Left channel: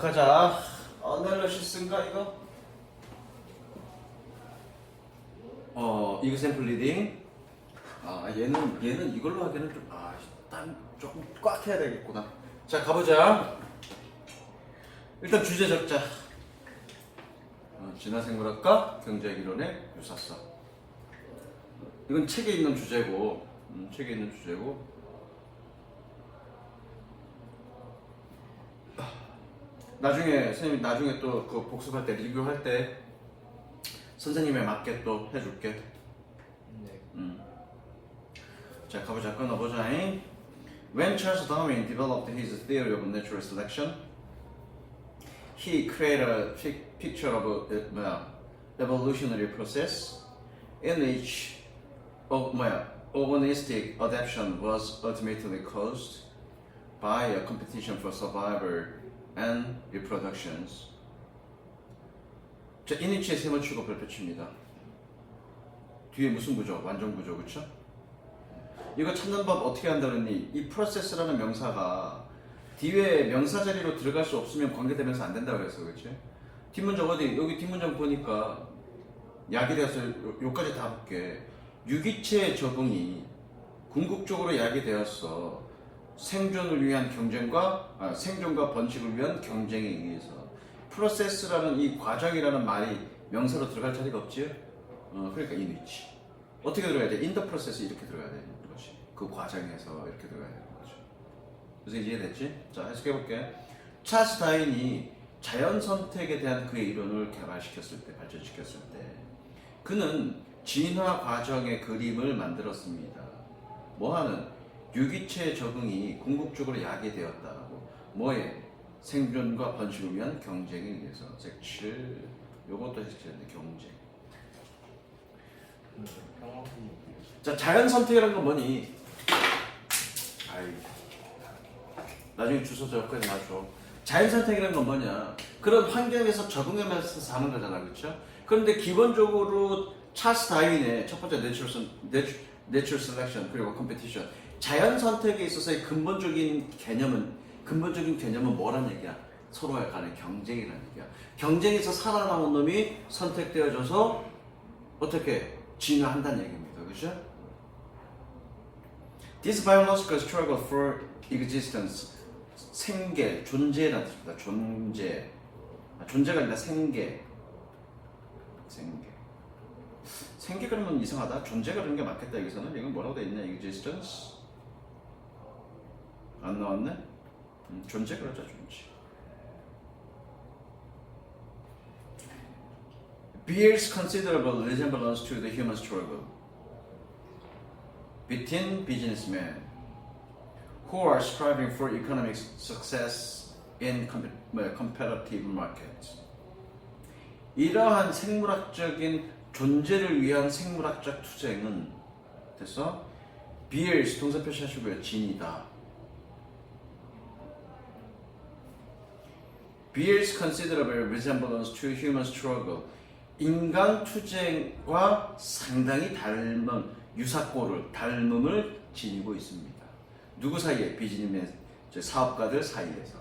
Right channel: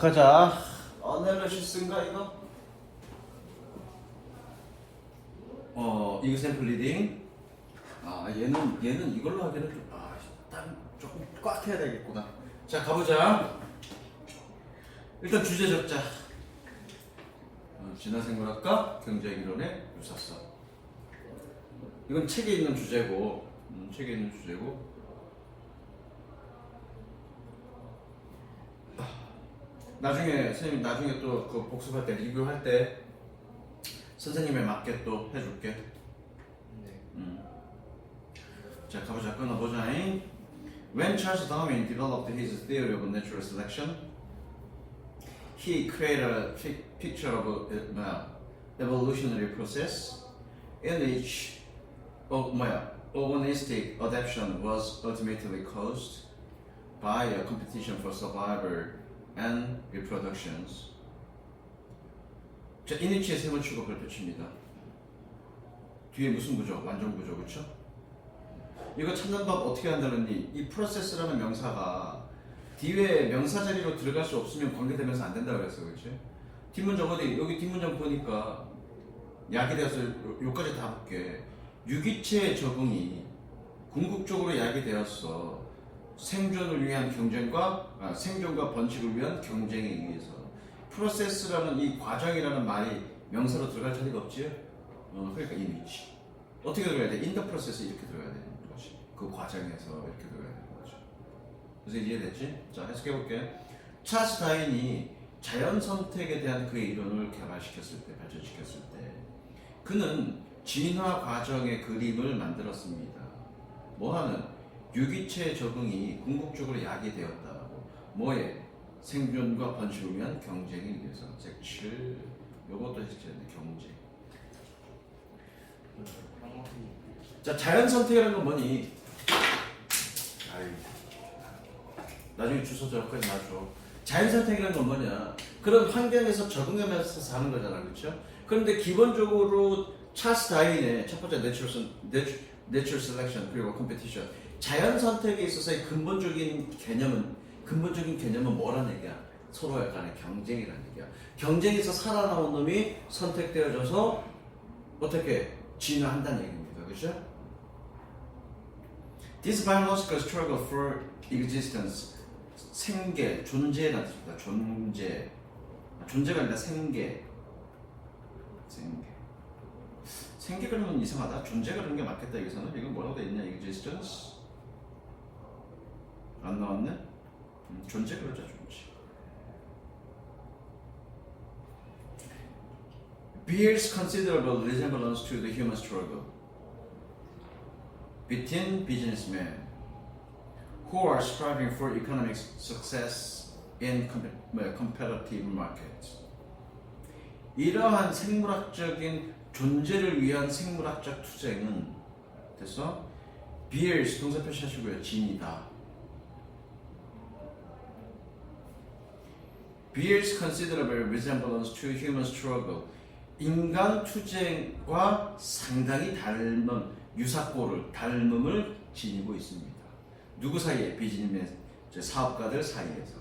시작하자. 어널리시스인가 이거? 이그샘플 리딩. 얘는 이걸로 하기는 좀 조금 꽉 해야 되겠구나. 자, 가보자. 일단 주제 적자. 진화생물학과 경제이론의 유사성. 이건 책에 있는 주제고, 나중에 선생님 나중에 또 그 복습할 때 리뷰할 때 선생님에 맞게 또 해줄게. 네. 자, 가보자. 끊어보자. When Charles Darwin developed his theory of natural selection, he created a picture of evolutionary process in which organistic adaptation was ultimately caused by a competition for survival and reproductions. 자, 이니치의 셈을 치고 별표칩니다. 뒤에 무슨 구조? 완전 구조, 그렇죠? 이거 찾는 법 어떻게 한다느니 이 프로세스라는 명사가 뒤에 명사 자리로 들어갈 수 없으면 관계대명사 안 된다고 그랬어, 그렇지? 뒷문장 어디? 여기 뒷문장 보니까 약이 되어서 요까지 다 볼게. 유기체의 적응이 궁극적으로 약이 되었어. 생존을 위한 경쟁과 생존과 번식을 위한 경쟁에 의해서. 프로세스라는 이 과정이라는 말이 명사로 들어갈 자리가 없지? 그러니까 이 위치. 어떻게 들어가야 돼? 인더 프로세스 이렇게 들어가야 되는 거지. 그 과정에서 이렇게 들어가야 되는 거지. 그래서 이해됐지? 자, 해석해볼게. 찰스 다윈이 자연 선택에 대한 그의 이론을 개발시켰을 때, 발전시켰을 때, 그는 진화 과정의 그림을 만들었습니다. 뭐하는? 유기체의 적응이 궁극적으로 약이 되었다고. 뭐에? 생존과 번식을 위한 경쟁에 의해서. 섹칠. 요것도 해석해야 돼. 경쟁. 자, 자연 선택이라는 건 뭐니? 나중에 주소 적을 거야, 놔줘. 자연 선택이라는 건 뭐냐? 그런 환경에서 적응하면서 사는 거잖아, 그렇죠? 그런데 기본적으로 찰스 다윈의 첫 번째 내추럴 셀렉션 그리고 컴피티션, 자연 선택에 있어서의 근본적인 개념은 뭐라는 얘기야? 서로의 간의 경쟁이라는 얘기야. 경쟁에서 살아남은 놈이 선택되어져서 어떻게 진화한다는 얘기입니다, 그렇죠? This biological struggle for existence, 생계, 존재라는 뜻입니다. 존재가 아니라 생계. 생계 그러면 이상하다. 존재가 그런 게 맞겠다. 여기서는 이건 뭐라고 돼 있냐? existence 안 나왔네? 존재 그러죠, 존재. bears considerable resemblance to the human struggle between businessmen who are striving for economic success in competitive markets. 이러한 생물학적인 존재를 위한 생물학적 투쟁은 됐어? bears 동사 표시하시고요. 진이다. bears considerable resemblance to human struggle. 인간 투쟁과 상당히 닮음을 지니고 있습니다. 누구 사이에? 비즈니스 사업가들 사이에서.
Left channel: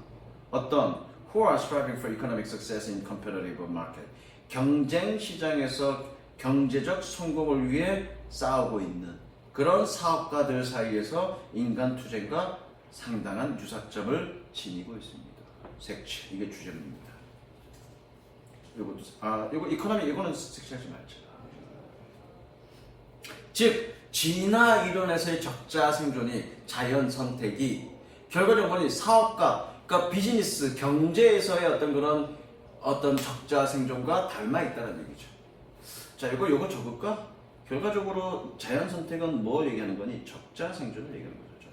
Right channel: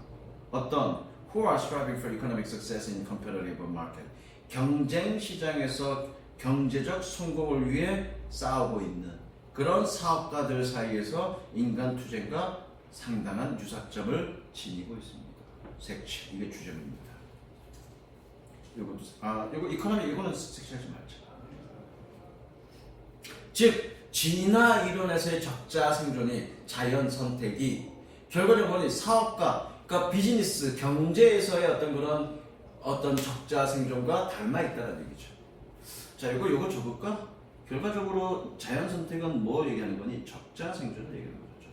어떤? Who are striving for economic success in competitive market. 경쟁 시장에서 경제적 성공을 위해 싸우고 있는 그런 사업가들 사이에서 인간 투쟁과 상당한 유사점을 지니고 있습니다. 색칠, 이게 주제입니다. 요거 이코노미 이거는 색칠하지 말자. 즉 진화 이론에서의 적자 생존이 자연 선택이 결과를 보니 사업가, 그러니까 비즈니스 경제에서의 어떤 그런 어떤 적자 생존과 닮아 있다는 얘기죠. 자, 요거 적을까? 결과적으로 자연 선택은 뭘 얘기하는 거니? 적자 생존을 얘기하는 거죠.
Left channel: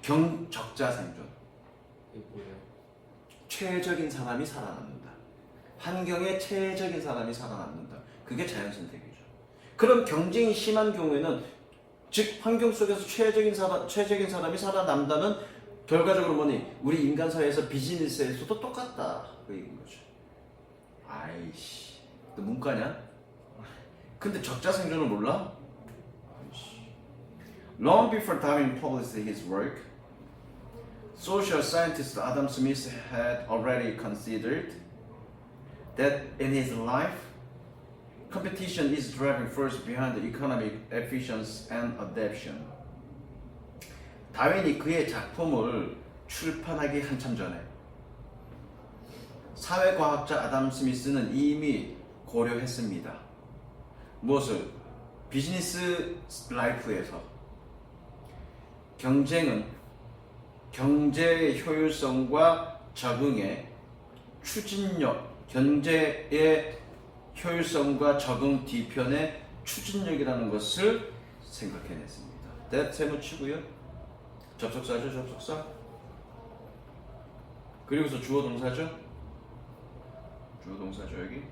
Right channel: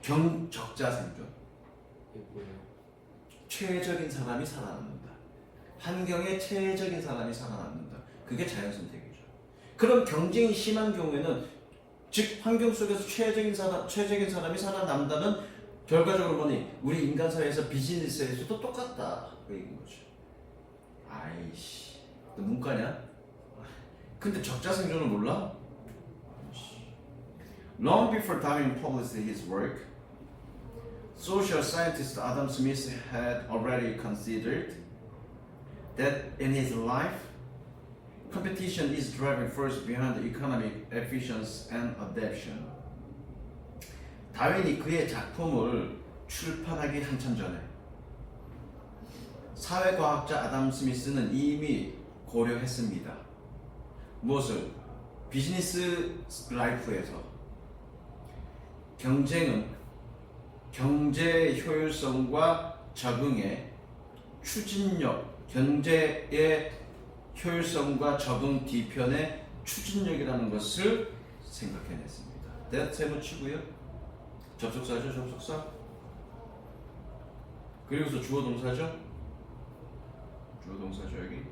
적자 생존. 적자 생존. 최적인 사람이 살아남는다. 환경에 최적인 사람이 살아남는다. 그게 자연 선택이죠. 그럼 경쟁이 심한 경우에는 즉 환경 속에서 최적인 사람이 살아남다는 결과적으로 뭐니? 우리 인간 사회에서 비즈니스에서도 똑같다. 그 얘기인 거죠. 아이씨, 너 문과냐? 근데 적자 생존을 몰라? Long before Darwin published his work, social scientist Adam Smith had already considered that in his life, competition is driving force behind the economic efficiency and adaptation. 다윈이 그의 작품을 출판하기 한참 전에 사회과학자 아담 스미스는 이미 고려했습니다. 무엇을? 비즈니스 라이프에서 경쟁은 경제의 효율성과 적응의 추진력, 경제의 효율성과 적응 뒤편의 추진력이라는 것을 생각해냈습니다. that 세무치고요. 접속사죠, 접속사. 그리고서 주어 동사죠. 주어 동사죠, 여기.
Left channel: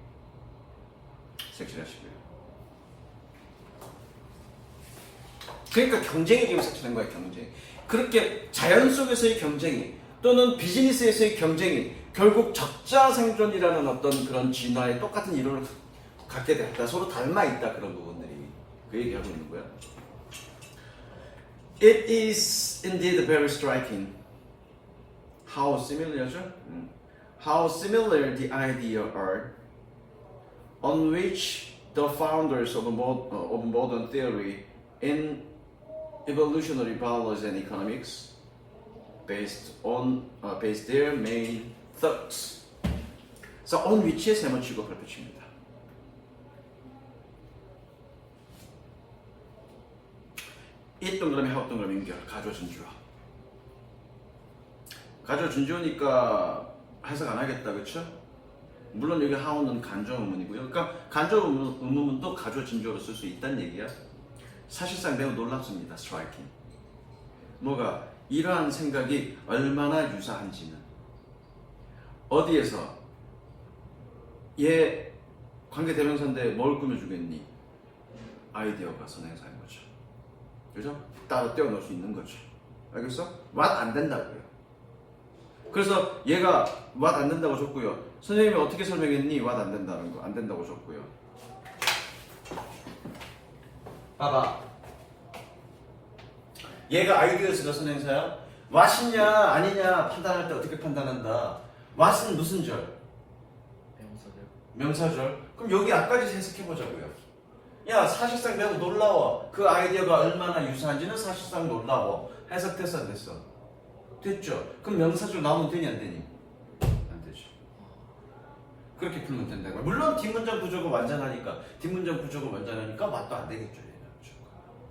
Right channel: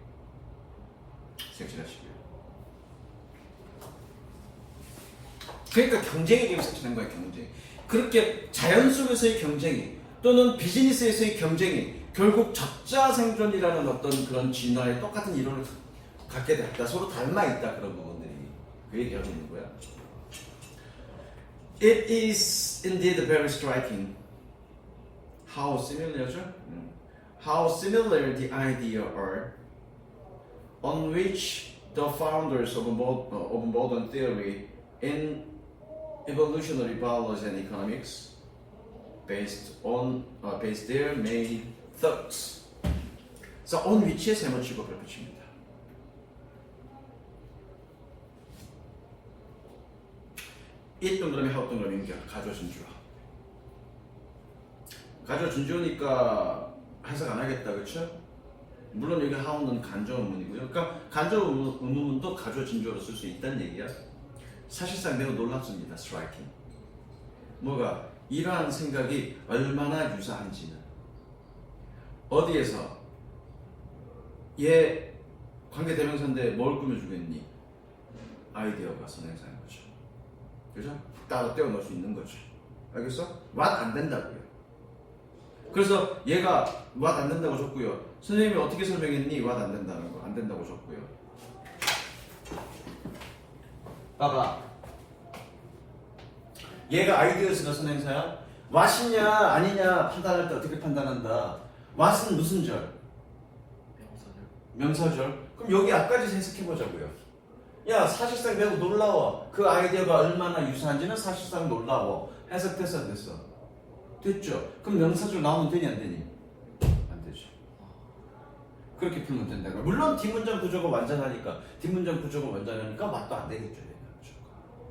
색칠하시고요. 그러니까 경쟁에 대해서 색칠한 거예요, 경쟁. 그렇게 자연 속에서의 경쟁이 또는 비즈니스에서의 경쟁이 결국 적자 생존이라는 어떤 그런 진화의 똑같은 이론을 갖게 됐다. 서로 닮아 있다, 그런 부분들이. 그 얘기하고 있는 거야. It is indeed very striking how similar죠? How similar the idea are on which the founders of modern theory in evolutionary biology and economics based their main thoughts. 그래서 on which에 세모 취급을 붙입니다. 이 동그라미 하우 동그라미 연결 가조 준주어. 가조 준주어니까 해석 안 하겠다, 그렇죠? 물론 여기 하우는 간접 의문이고요. 그러니까 간접 의문도 가조 준주어로 쓸 수 있다는 얘기야. 사실상 매우 놀랍습니다. 스트라이킹. 뭐가 이러한 생각이 얼마나 유사한지는 어디에서 얘 관계대명사인데 뭘 꾸며주겠니? 아이디어가 선행사인 거죠. 그죠? 따로 떼어넣을 수 있는 거죠. 알겠어? what 안 된다고요. 그래서 얘가 what 안 된다고 줬고요. 선생님이 어떻게 설명했니? what 안 된다는 거, 안 된다고 줬고요. 봐봐. 얘가 아이디어스가 선행사야? what이냐 아니냐 판단할 때 어떻게 판단한다? what은 무슨 절? 명사절. 그럼 여기 앞까지 해석해보자고요. 야, 사실상 매우 놀라워. 그 아이디어가 얼마나 유사한지는 사실상 놀라워. 해석돼서 안 됐어? 됐죠? 그럼 명사절 나오면 되니 안 되니? 안 되죠. 그렇게 풀면 된다고요. 물론 뒷문장 구조가 완전하니까 맛도 안 되겠죠.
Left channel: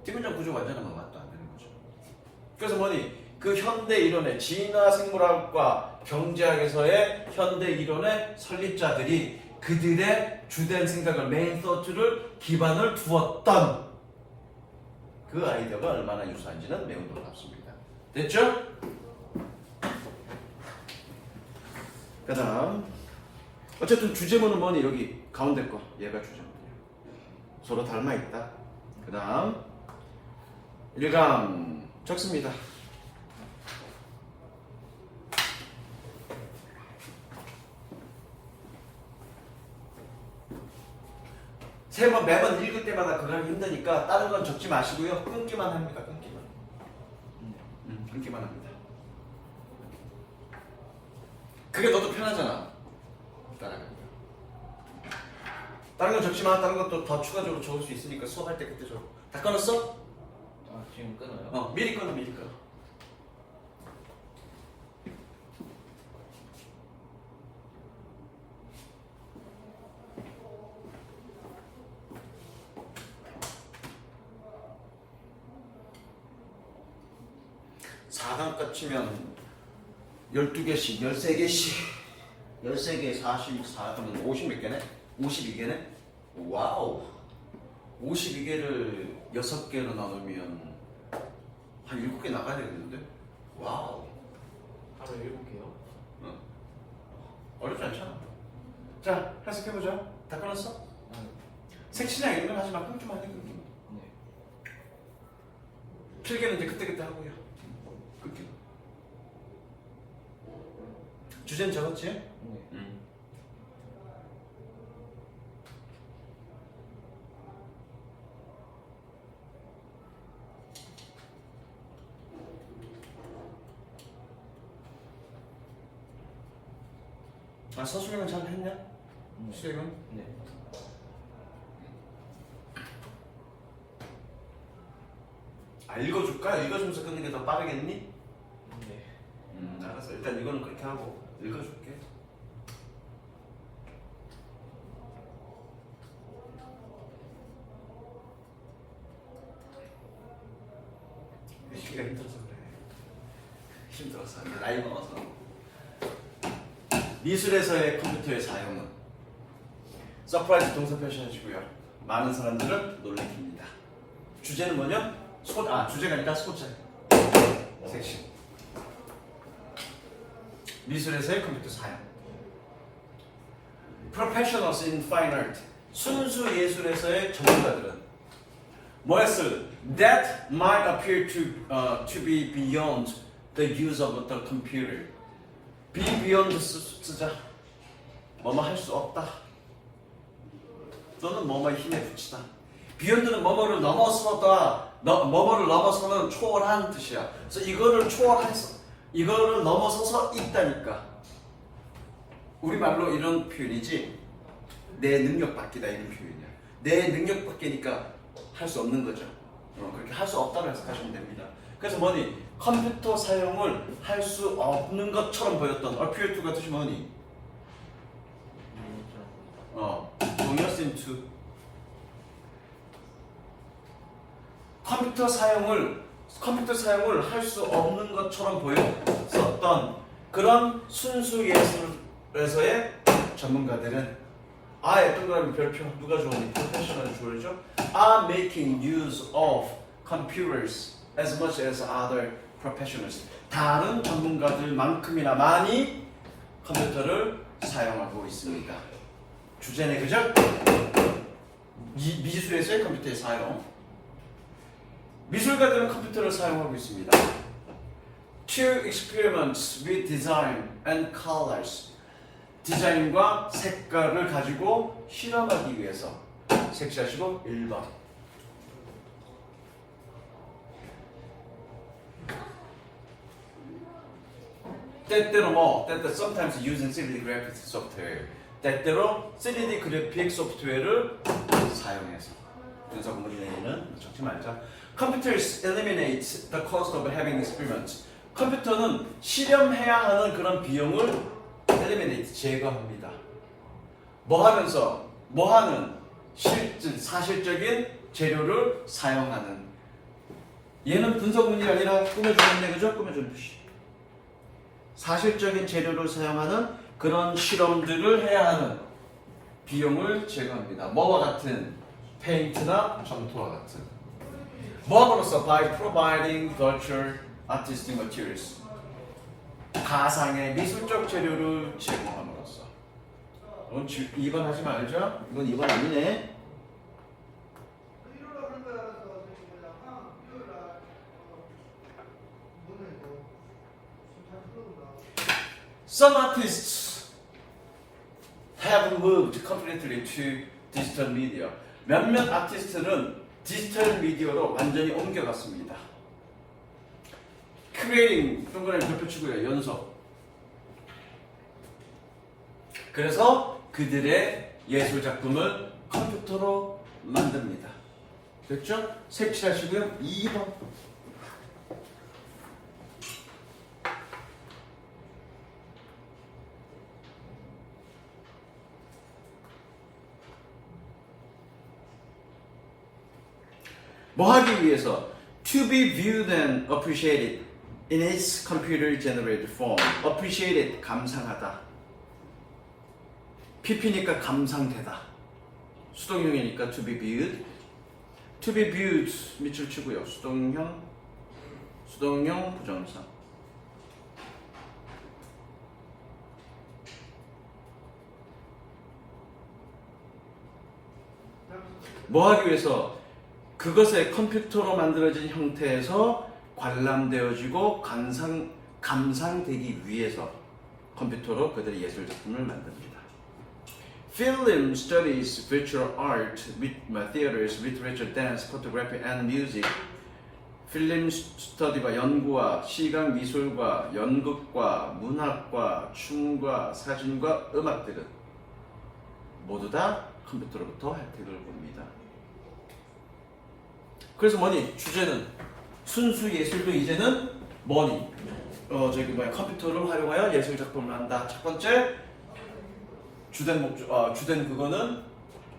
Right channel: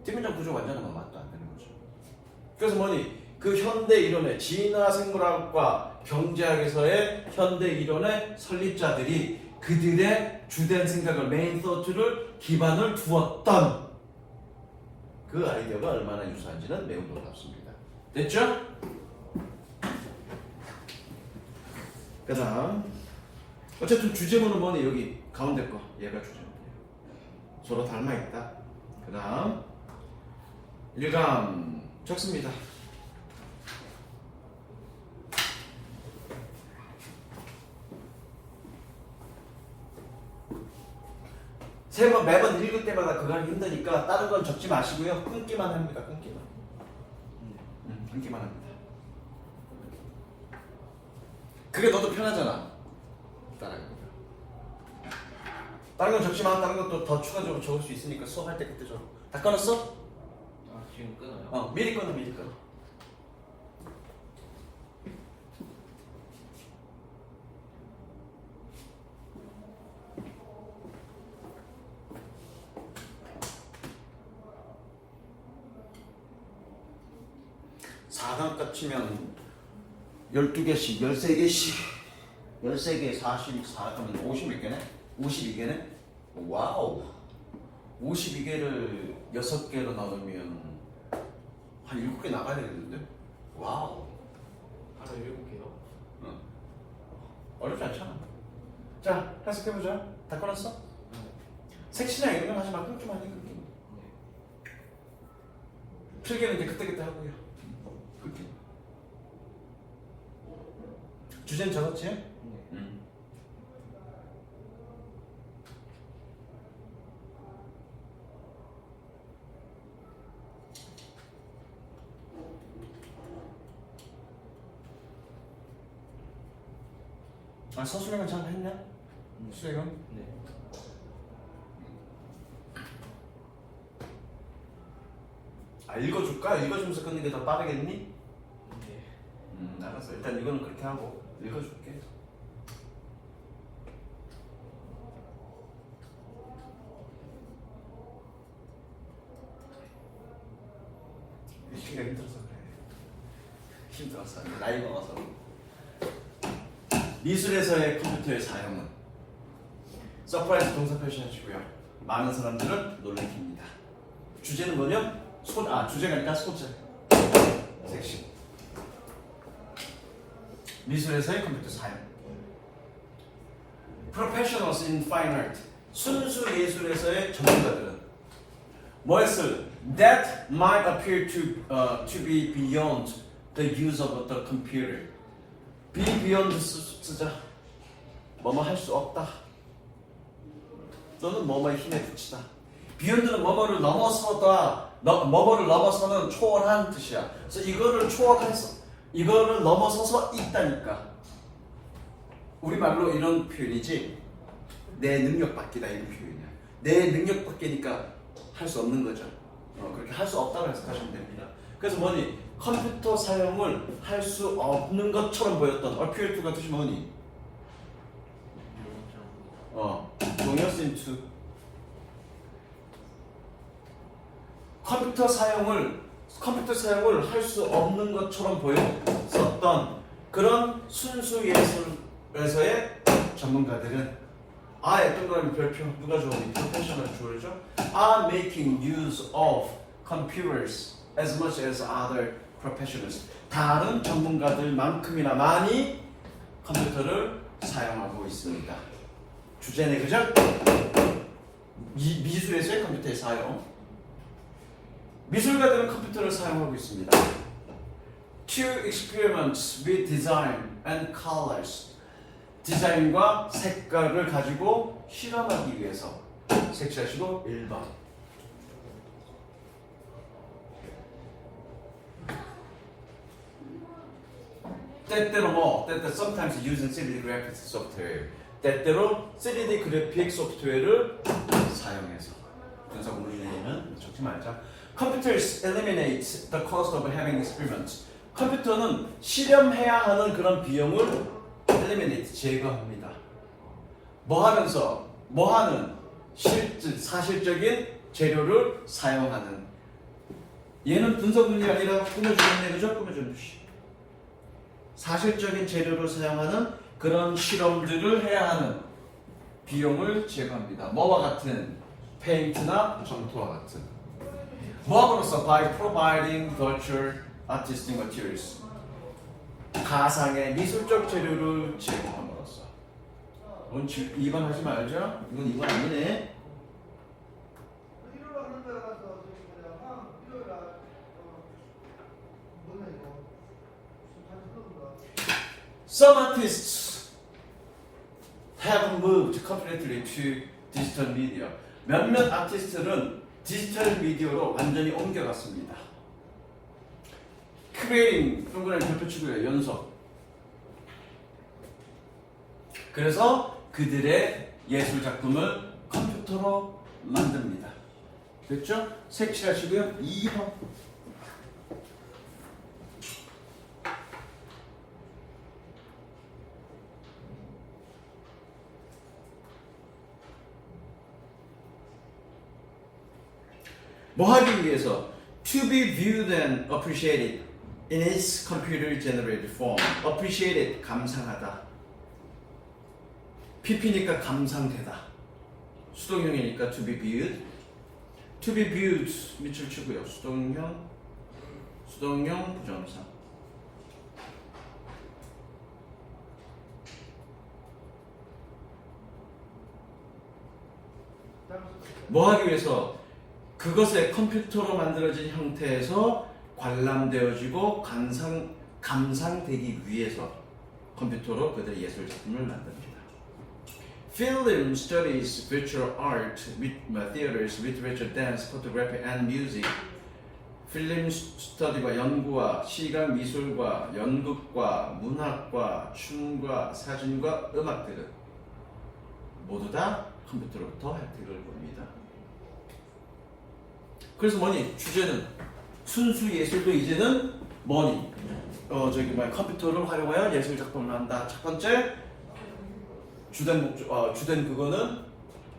뒷문장 구조가 완전하면 맛도 안 되는 거죠. 그래서 뭐니? 그 현대 이론의 진화 생물학과 경제학에서의 현대 이론의 설립자들이 그들의 주된 생각을 메인 소트를 기반을 두었던 그 아이디어가 얼마나 유사한지는 매우 놀랍습니다. 됐죠? 그 다음 어쨌든 주제문은 뭐니? 여기 가운데 거 얘가 주제문이에요. 서로 닮아있다. 그 다음 일감 적습니다. 매번 읽을 때마다 그거 하기 힘드니까 다른 건 적지 마시고요. 끊기만 합니다. 끊기만. 끊기만 합니다. 그게 너도 편하잖아. 다른 건 적지만 다른 것도 더 추가적으로 적을 수 있으니까 수업할 때 그때 적어. 다 끊었어? 지금 끊어요? 미리 끊어, 미리 끊어. 사단값 치면 12개씩, 13개씩 13개 44그러면 50몇 개네? 52개네? 와우 52개를 6개로 나누면 한 7개 나가야 되겠는데? 와우 하루 7개요? 응. 어렵지 않잖아. 자, 해석해보자. 다 끊었어? 색시나 이런 건 하지 마. 끊기만 해, 끊기만. 필기는 이제 그때그때 하고요. 끊기. 주제는 적었지? 응. 아 서술형은 잘 했냐? 수행은? 네. 아 읽어줄까? 읽어주면서 끊는 게 더 빠르겠니? 네. 알았어. 일단 이거는 그렇게 하고 읽어줄게. 읽기가 힘들어서 그래. 힘들어서 나이 먹어서. 미술에서의 컴퓨터의 사용은 서프라이즈 동사 표시하시고요. 많은 사람들을 놀래킵니다. 주제는 뭐냐? 주제가 아니라 소재. 섹션. 미술에서의 컴퓨터 사용. Professionals in fine art. 순수 예술에서의 전문가들은 뭐 했을? That might appear to be beyond the use of the computer. be beyond 쓰자. 뭐뭐 할 수 없다. 또는 뭐뭐의 힘에 그치다. beyond는 뭐뭐를 넘어서다. 뭐뭐를 넘어서는 초월한 뜻이야. 그래서 이거를 넘어서서 있다니까. 우리말로 이런 표현이지. 내 능력 밖이다 이런 표현이야. 내 능력 밖이니까 할 수 없는 거죠. 그렇게 할 수 없다고 해석하시면 됩니다. 그래서 뭐니? 컴퓨터 사용을 할 수 없는 것처럼 보였던 appear to가 뜻이 뭐니? 동의어 into. 컴퓨터 사용을 할 수 없는 것처럼 보였었던 그런 순수 예술에서의 전문가들은 동그라미 별표 누가 좋아하니? 프로페셔널 좋아하죠? are making use of computers as much as other professionals. 다른 전문가들만큼이나 많이 컴퓨터를 사용하고 있습니다. 주제네, 그죠? 미술에서의 컴퓨터의 사용. 미술가들은 컴퓨터를 사용하고 있습니다. To experiment with design and colors. 디자인과 색깔을 가지고 실험하기 위해서. 색시하시고 1번. 때때로 sometimes using 3D graphics software. 때때로 3D 그래픽 소프트웨어를 사용해서. 분석 물리는 적지 말자. Computers eliminate the cost of having experiments. 컴퓨터는 실험해야 하는 그런 비용을 eliminate, 제거합니다. 뭐 하면서? 뭐 하는? 사실적인 재료를 사용하는. 얘는 분석 물리가 아니라 꾸며주는 얘기죠? 꾸며주는 것이. 사실적인 재료를 사용하는 그런 실험들을 해야 하는 비용을 제거합니다. 뭐와 같은? 페인트나 점토와 같은. 뭐함으로써? By providing virtual artistic materials. 가상의 미술적 재료를 제공함으로써. 2번 하지 말자. 이건 2번 아니네. Some artists have moved completely to digital media. 몇몇 아티스트는 디지털 미디어로 완전히 옮겨갔습니다. Creating, 동그라미 별표 치고요. 연속. 그래서 그들의 예술 작품을 컴퓨터로 만듭니다. 됐죠? 색칠하시고요. 2번. 뭐 하기 위해서? To be viewed and appreciated in its computer generated form. appreciated, 감상하다. PP니까 감상되다. 수동형이니까 to be viewed. to be viewed 밑줄 치고요. 수동형 부정사. 뭐 하기 위해서? 그것의 컴퓨터로 만들어진 형태에서 관람되어지고 감상되기 위해서 컴퓨터로 그들의 예술 작품을 만듭니다. Film studies visual art with theaters, literature, dance, photography, and music. 필름 스터디와 연구와 시각 미술과 연극과 문학과 춤과 사진과 음악들은 모두 다 컴퓨터로부터 혜택을 봅니다. 그래서 뭐니? 주제는 순수 예술도 이제는 뭐니? 컴퓨터를 활용하여 예술 작품을 한다. 첫 번째 주된 그거는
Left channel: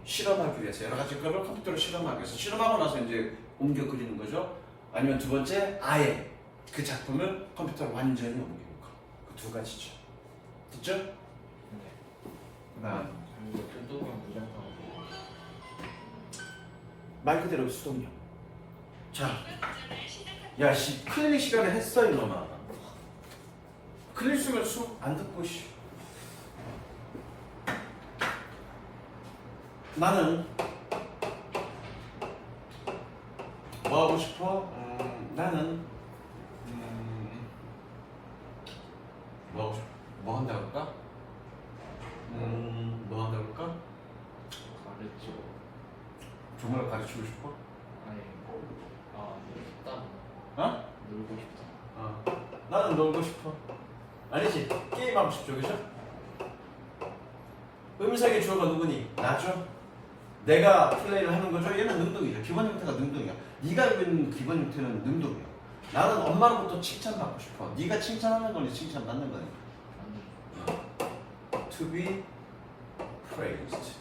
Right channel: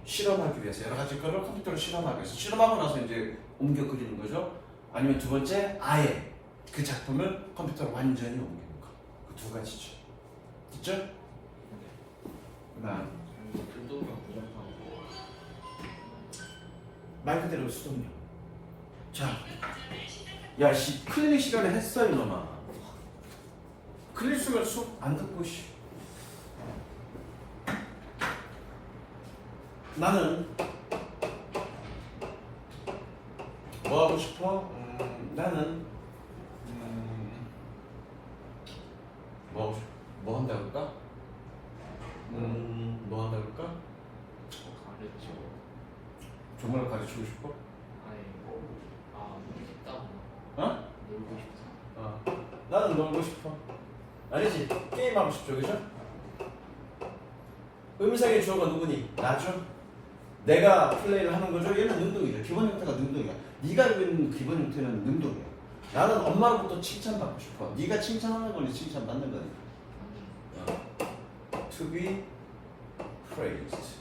실험하기 위해서 여러 가지 거를 컴퓨터로 실험하기 위해서 실험하고 나서 이제 옮겨 그리는 거죠. 아니면 두 번째 아예 그 작품을 컴퓨터로 완전히 옮기는 거. 그 두 가지죠. 됐죠? 그다음 말 그대로 수동력. 자, 야, 클리닉 시간에 했어 이놈아. 클리닉 시간 수업 안 듣고 씨. 나는 뭐 하고 싶어? 나는 뭐 하고 싶어? 뭐 한다고 할까? 뭐 한다고 할까? 가르쳐. 정말 가르치고 싶어? 아니, 놀고 싶다. 어? 놀고 싶다. 나는 놀고 싶어. 아니지? 게임하고 싶죠, 그죠? 음색의 주어가 누구니? 나죠? 내가 플레이를 하는 거죠? 얘는 능동이죠. 기본 형태가 능동이야. 네가 있는 기본 형태는 능동이야. 나는 엄마로부터 칭찬받고 싶어. 네가 칭찬하는 거니 칭찬받는 거니? To be praised.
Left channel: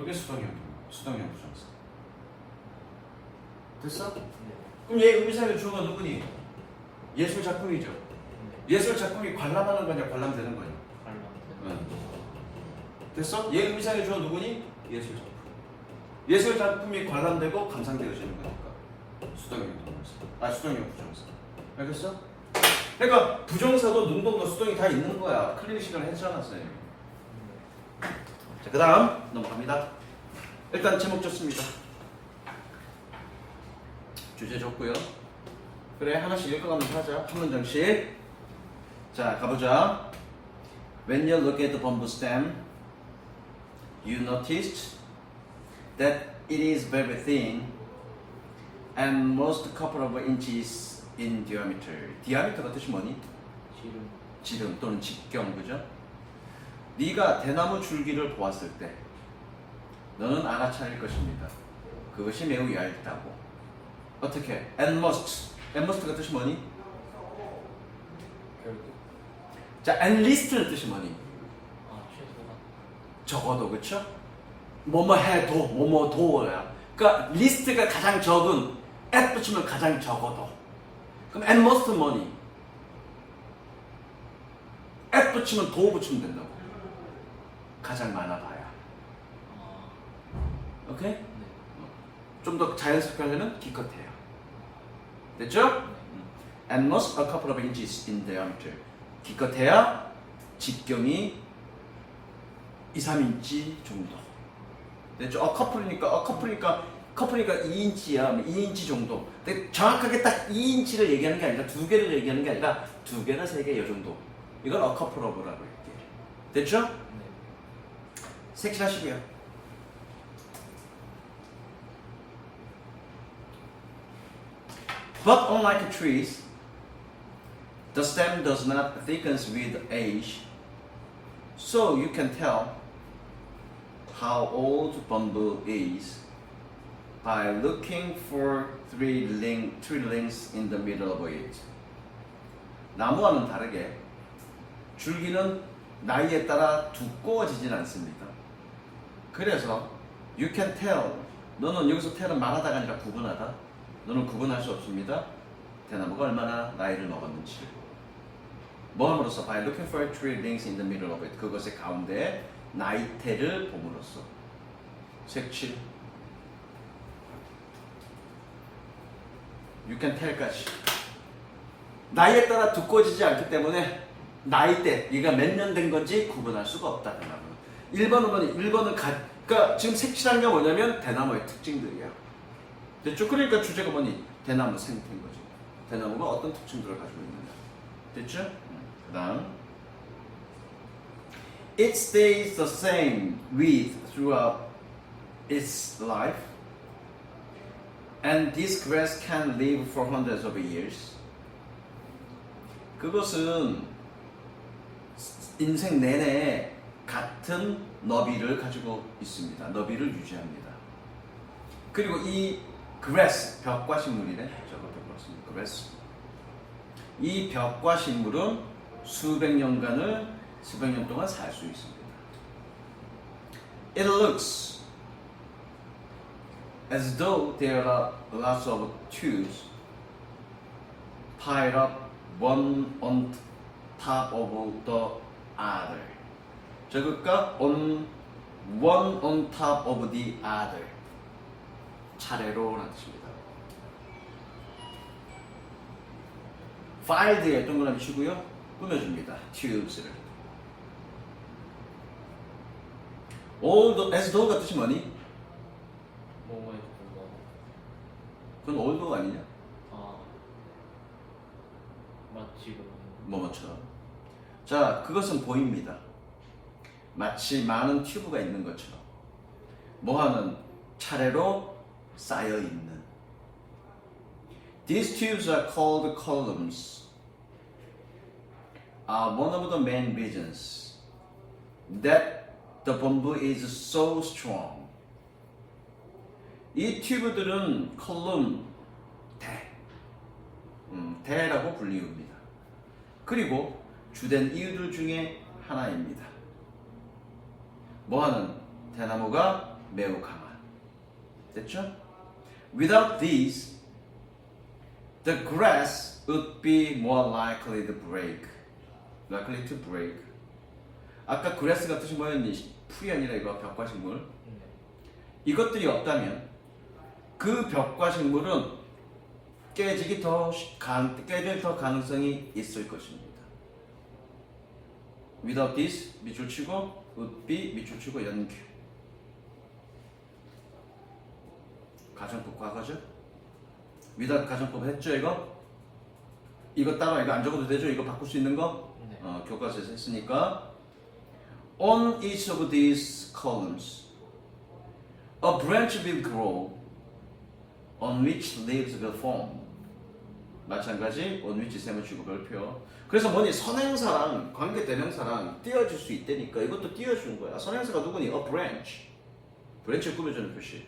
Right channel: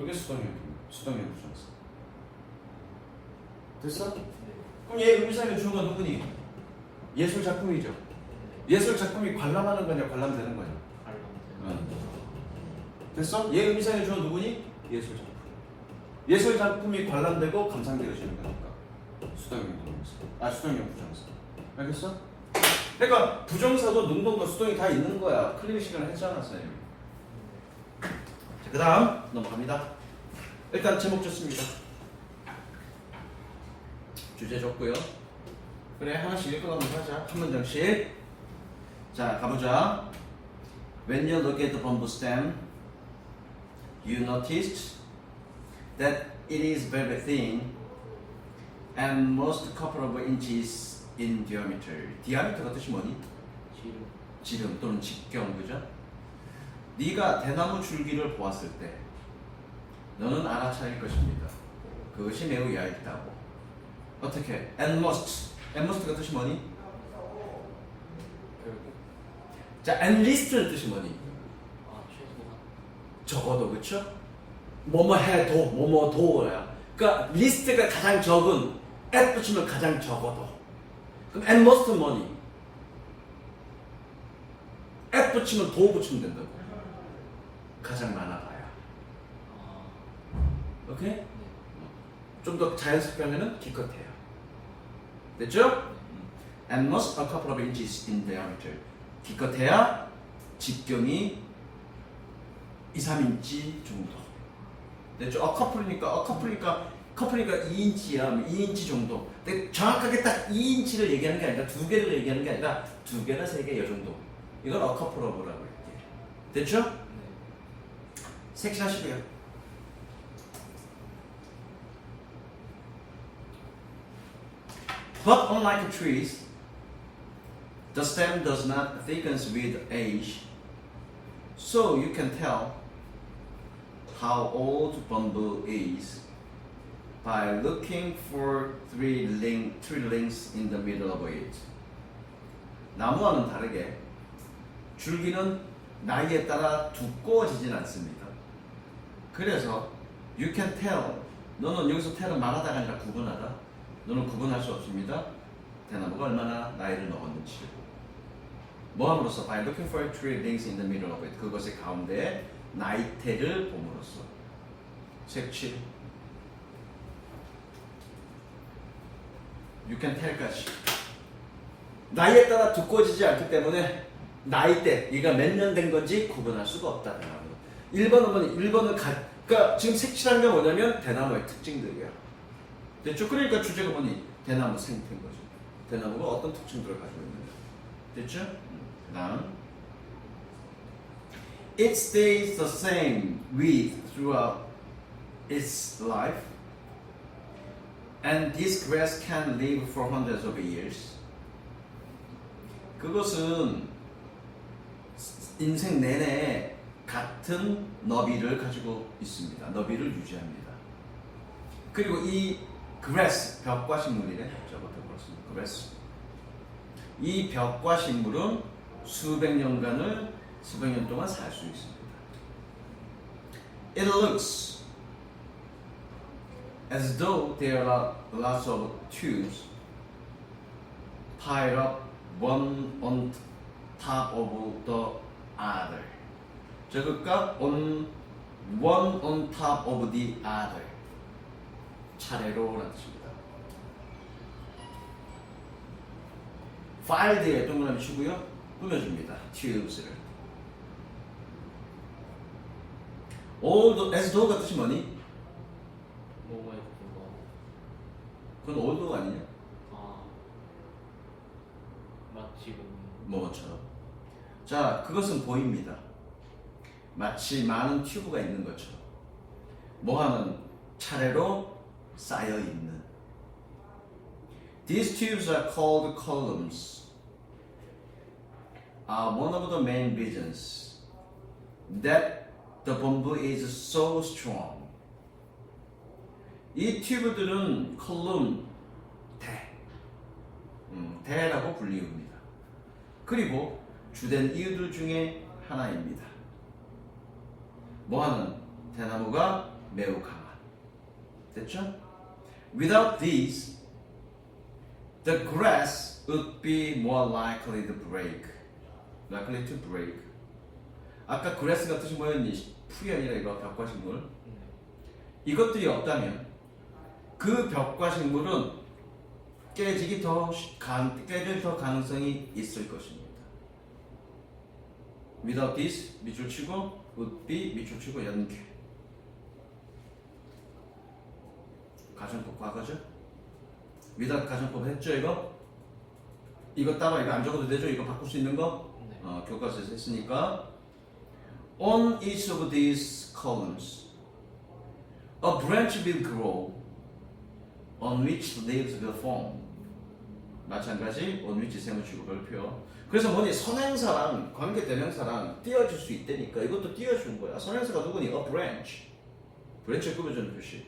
이게 수동형 부정사. 됐어? 그럼 얘 음색의 주어가 누구니? 예술 작품이죠. 예술 작품이 관람하는 거냐 관람되는 거냐? 됐어? 얘 의미상의 주어 누구니? 예술 작품. 예술 작품이 관람되고 감상되어지는 거니까 수동형 동사. 수동형 부정사. 알겠어? 그러니까 부정사도 능동도 수동이 다 있는 거야. 클리닉 시간에 했잖아, 쌤. 자, 그 다음 넘어갑니다. 일단 제목 좋습니다. 주제 좋고요. 그래, 하나씩 읽어가면서 하자. 한 문장씩. 자, 가보자. When you look at the bamboo stem, you noticed that it is very thin and most couple of inches in diameter. diameter가 뜻이 뭐니? 지름 또는 직경, 그죠? 네가 대나무 줄기를 보았을 때 너는 알아차릴 것입니다. 그것이 매우 얇다고. 어떻게? And must가 뜻이 뭐니? 자, and least는 뜻이 뭐니? 적어도, 그쵸? 뭐뭐 해도, 뭐뭐도야. 그러니까 리스트가 가장 적은, at 붙이면 가장 적어도. 그럼 and most는 뭐니? at 붙이면 도 붙이면 된다고. 가장 많아봐야. 오케이? 좀 더 자연스럽게 하려면 기껏해야. 됐죠? And most a couple of inches in diameter. 기껏해야 직경이 2, 3인치 정도. 됐죠? 커플이니까 2인치야. 2인치 정도. 근데 정확하게 딱 2인치를 얘기하는 게 아니라 두 개를 얘기하는 게 아니라 두 개나 세 개 이 정도. 이걸 a couple of라고 할게. 됐죠? 색칠하시고요. But unlike trees, the stem does not thicken with age, so you can tell how old bamboo is by looking for three links in the middle of it. 나무와는 다르게 줄기는 나이에 따라 두꺼워지진 않습니다. 그래서 you can tell, 너는 여기서 tell은 말하다가 아니라 구분하다. 너는 구분할 수 없습니다. 대나무가 얼마나 나이를 먹었는지. 뭐 함으로써? By looking for three links in the middle of it. 그것의 가운데 나이테를 봄으로써. 색칠. You can tell까지. 나이에 따라 두꺼워지지 않기 때문에 나이대, 얘가 몇 년 된 건지 구분할 수가 없다. 1번은 그러니까 지금 색칠하는 게 뭐냐면 대나무의 특징들이야. 됐죠? 그러니까 주제가 뭐니? 대나무 생태인 거죠. 대나무가 어떤 특징들을 가지고 있는가. 됐죠? 그 다음 It stays the same width throughout its life And this grass can live for hundreds of years. 그것은 인생 내내 같은 너비를 가지고 있습니다. 너비를 유지합니다. 그리고 이 grass, 벽과 식물이네. 저거 벽과 grass. 이 벽과 식물은 수백 년 동안 살 수 있습니다. It looks as though there are lots of tubes piled up one on top of the other. 저것과 one on top of the other. 차례로 라는 뜻입니다. filed에 동그라미 치고요. 꾸며줍니다. tubes를. as though가 뜻이 뭐니? 뭐에 불구하고. 그건 old가 아니냐? 아. 마치 뭐뭐처럼. 자, 그것은 보입니다. 마치 많은 튜브가 있는 것처럼. 뭐하는 차례로 쌓여 있는. These tubes are called columns. Are one of the main reasons that the bamboo is so strong. 이 튜브들은 컬럼, 대라고 불리웁니다. 그리고 주된 이유들 중에 하나입니다. 뭐하는 대나무가 매우 강한. 됐죠? Without these, the grass would be more likely to break. Likely to break. 아까 grass가 뜻이 뭐였니? 풀이 아니라 이거 벽과 식물. 이것들이 없다면 그 벽과 식물은 깨질 더 가능성이 있을 것입니다. Without this, 밑줄 치고 would be 밑줄 치고 연결. 가정법 과거죠? without 가정법 했죠 이거? 이거 따로 이거 안 적어도 되죠? 이거 바꿀 수 있는 거? 네. 교과서에서 했으니까 On each of these columns a branch will grow on which leaves will form. 마찬가지 on which 세무치고 별표. 그래서 뭐니 선행사랑 관계대명사랑 띄워줄 수 있다니까 이것도 띄워주는 거야. 선행사가 누구니? A branch. branch를 꾸며주는 표시.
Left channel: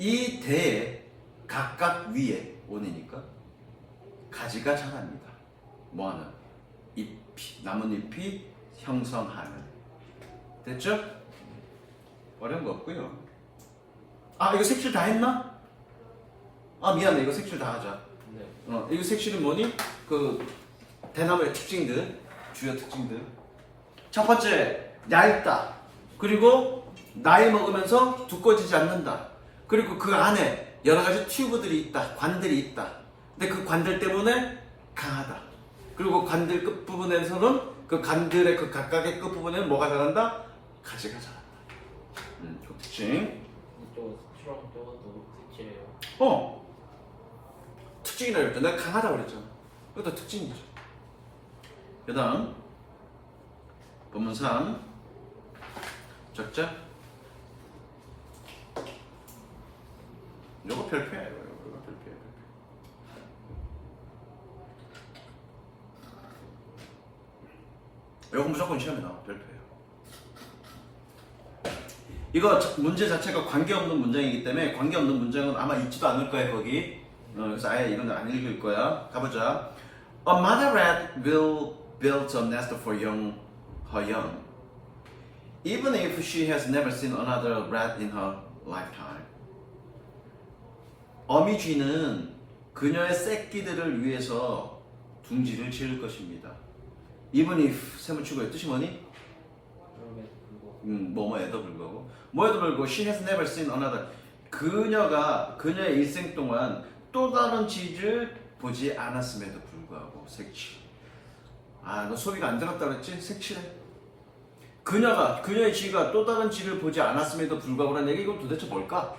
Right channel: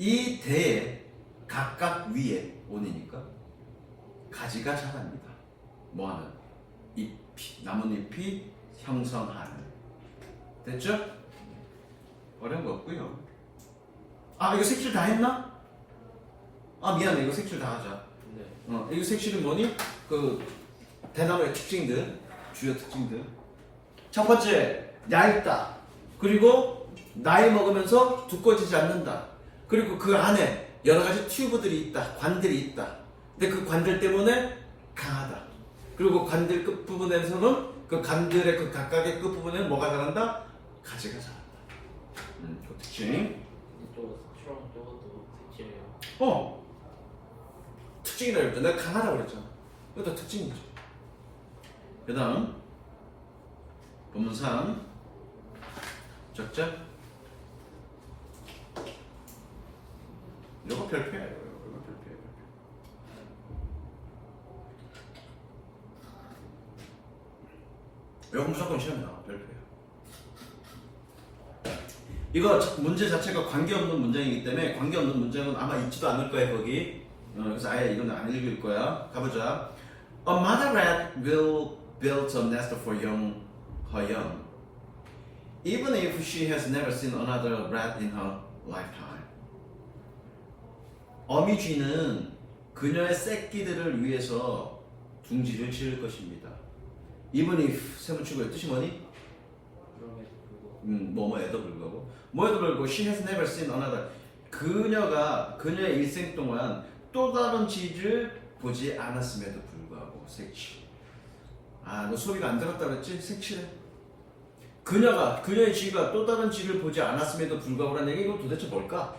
이 대에 각각 위에 on이니까 가지가 자랍니다. 뭐하는? 잎이, 나뭇잎이 형성하는. 됐죠? 어려운 거 없고요. 아 이거 색칠 다 했나? 아 미안해 이거 색칠 다 하자. 네. 이거 색칠은 뭐니? 그 대나무의 특징들, 주요 특징들. 첫 번째 얇다. 그리고 나이 먹으면서 두꺼워지지 않는다. 그리고 그 안에 여러 가지 튜브들이 있다, 관들이 있다. 근데 그 관들 때문에 강하다. 그리고 관들 끝 부분에서는 그 관들의 그 각각의 끝 부분에는 뭐가 자란다? 가지가 자란다. 그 특징. 또 실험 쪽도 특징이에요. 특징이라고 했잖아. 내가 강하다고 그랬잖아. 이것도 특징이죠. 그 다음 본문 3 적자. 이거 별표야. 이거 별표야. 이거 무조건 시험에 나와. 별표야. 이거 문제 자체가 관계없는 문장이기 때문에 관계없는 문장은 아마 있지도 않을 거예요 거기. 그래서 아예 이건 안 읽을 거야. 가보자. A mother rat will build a nest for her young, even if she has never seen another rat in her lifetime. 어미쥐는 그녀의 새끼들을 위해서 둥지를 지을 것입니다. Even if 세무치고의 뜻이 뭐니? 뭐뭐에도 불구하고 뭐에도 불구하고 she has never seen another. 그녀가 그녀의 일생 동안 또 다른 쥐를 보지 않았음에도 불구하고 색칠. 너 소리가 안 들었다 그랬지? 색칠해. 그녀의 쥐가 또 다른 쥐를 보지 않았음에도 불구하고라는 얘기 이건 도대체 뭘까?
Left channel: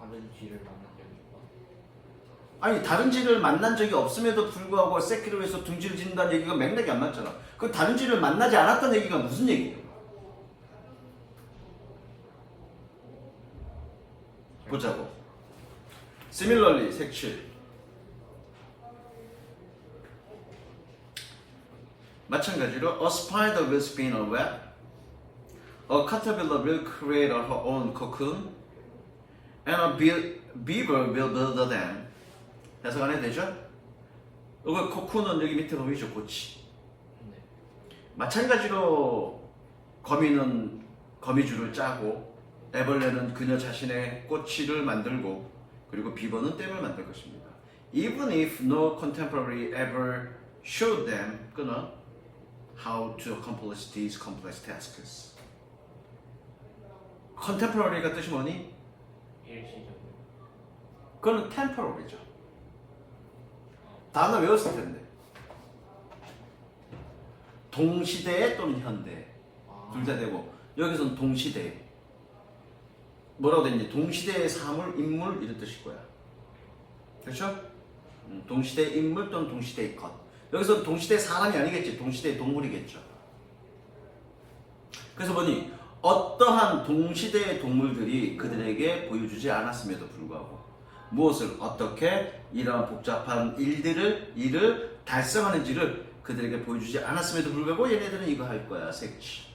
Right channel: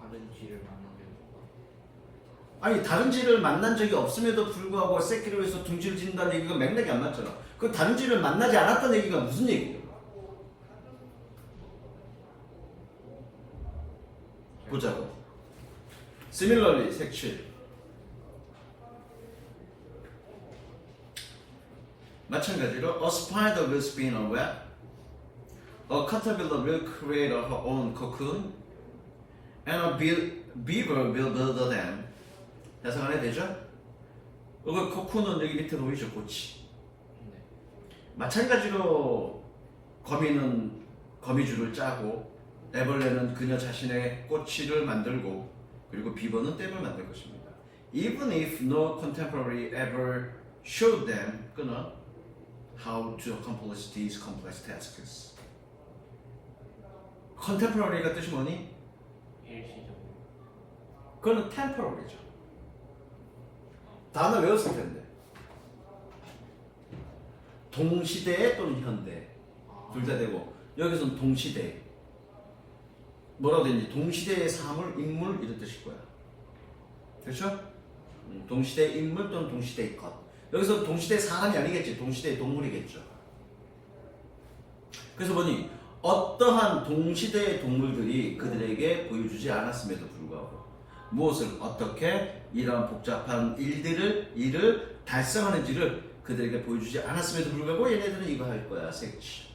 다른 쥐를 만난 게 아니 다른 쥐를 만난 적이 없음에도 불구하고 새끼를 위해서 둥지를 짓는다는 얘기가 맥락이 안 맞잖아. 그 다른 쥐를 만나지 않았다는 얘기가 무슨 얘기예요? 보자고. Similarly, 색 7. 마찬가지로 a spider will spin a web, a caterpillar will create her own cocoon, and a beaver will build a dam. 해석 안 해도 되죠? 이거 코쿤은 여기 밑에 보이죠? 꼬치. 네. 마찬가지로 거미는 거미줄을 짜고 애벌레는 그녀 자신의 꼬치를 만들고 그리고 비버는 댐을 만들 것입니다. Even if no contemporary ever showed them 그는 how to accomplish these complex tasks. contemporary가 뜻이 뭐니? 일시적으로. 그거는 temporary죠. 단어 외웠을 텐데. 동시대 또는 현대 둘 다 되고 여기서는 동시대. 뭐라고 되는지 동시대의 사물, 인물 이런 뜻일 거야. 그렇죠? 동시대의 인물 또는 동시대의 것. 여기서 동시대의 사람이 아니겠지. 동시대의 동물이겠죠. 그래서 보니 어떠한 동시대의 동물들이 그들에게 보여주지 않았음에도 불구하고 무엇을 어떻게 이러한 복잡한 일을 달성하는지를 그들에게 보여주지 않았음에도 불구하고 얘네들은 이거 할 거야. 색치.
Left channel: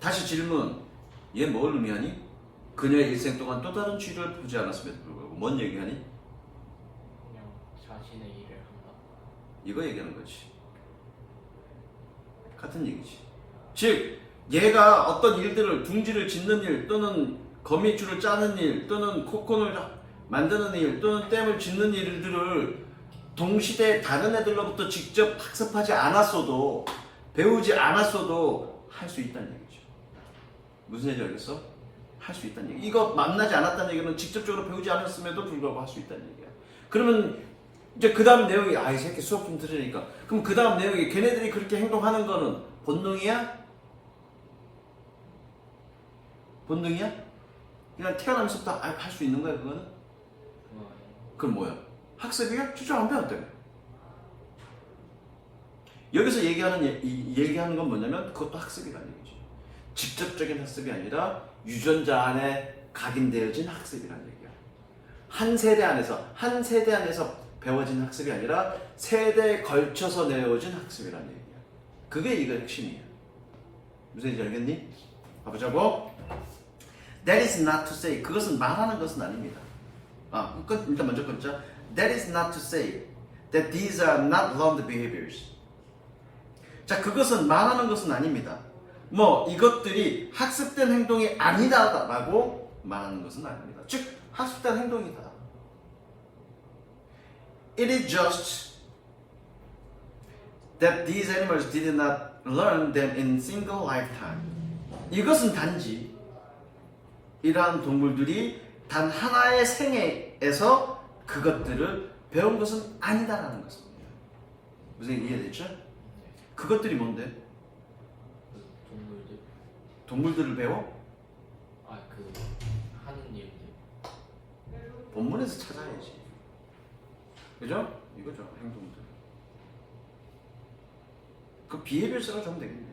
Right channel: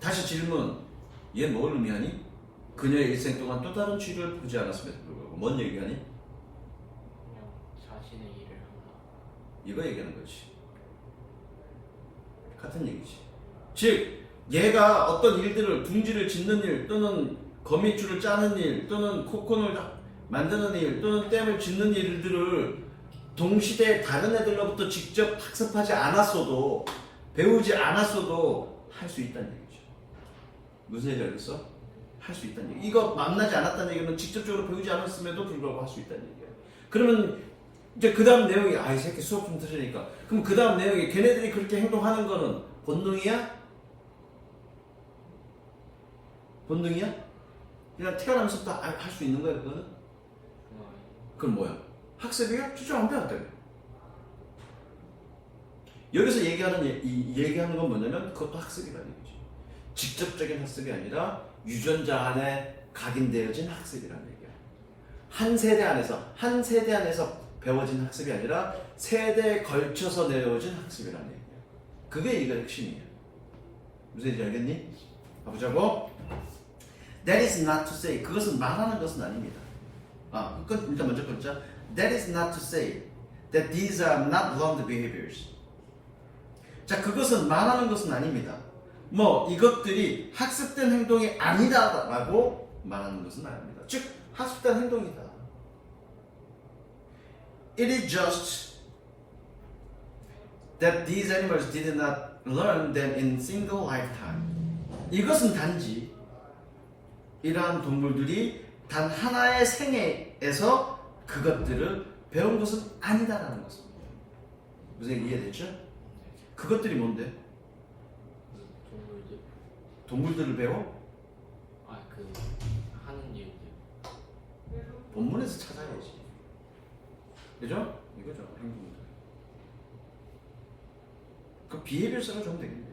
다시 질문. 얘 뭘 의미하니? 그녀의 일생 동안 또 다른 쥐를 보지 않았음에도 불구하고 뭔 얘기하니? 그냥 자신의 일을 한다. 이거 얘기하는 거지. 같은 얘기지. 즉 얘가 어떤 일들을 둥지를 짓는 일 또는 거미줄을 짜는 일 또는 코콘을 만드는 일 또는 댐을 짓는 일들을 동시대에 다른 애들로부터 직접 학습하지 않았어도 배우지 않았어도 할 수 있다는 얘기죠. 무슨 얘기 알겠어? 할 수 있다는 얘기. 이거 만나지 않았다는 얘기는 직접적으로 배우지 않았음에도 불구하고 할 수 있다는 얘기야. 그러면 이제 그 다음 내용이 이 새끼 수업 좀 들으니까 그럼 그 다음 내용이 걔네들이 그렇게 행동하는 거는 본능이야? 본능이야? 그냥 태어나면서부터 할 수 있는 거야 그거는? 그럼 뭐야? 학습이야? 진짜 안 배웠대. 여기서 얘기하는 건 뭐냐면 그것도 학습이라는 얘기죠. 직접적인 학습이 아니라 유전자 안에 각인되어진 학습이라는 얘기야. 한 세대 안에서 배워진 학습이 아니라 세대에 걸쳐서 내어진 학습이라는 얘기야. 그게 이거 핵심이야. 무슨 얘기인지 알겠니? 가보자고. That is not to say. 그것은 말하는 것은 아닙니다. 일단 먼저 끊자. That is not to say that these are not learned behaviors. 자, 그것은 말하는 것은 아닙니다. 이것들이 학습된 행동이 아니다라고 말하는 것은 아닙니다. 즉, 학습된 행동이다. It is just that these animals did not learn them in single lifetime. 이것은 단지 이러한 동물들이 단 하나의 생애에서 그것들을 배운 것은 아니다라는 것입니다. 무슨 이해됐죠? 그것들이 뭔데? 동물들. 동물들을 배워? 하는 일들. 본문에서 찾아야지. 그죠? 이거죠. 행동들. 그 비해별 써가지고 하면 되겠네.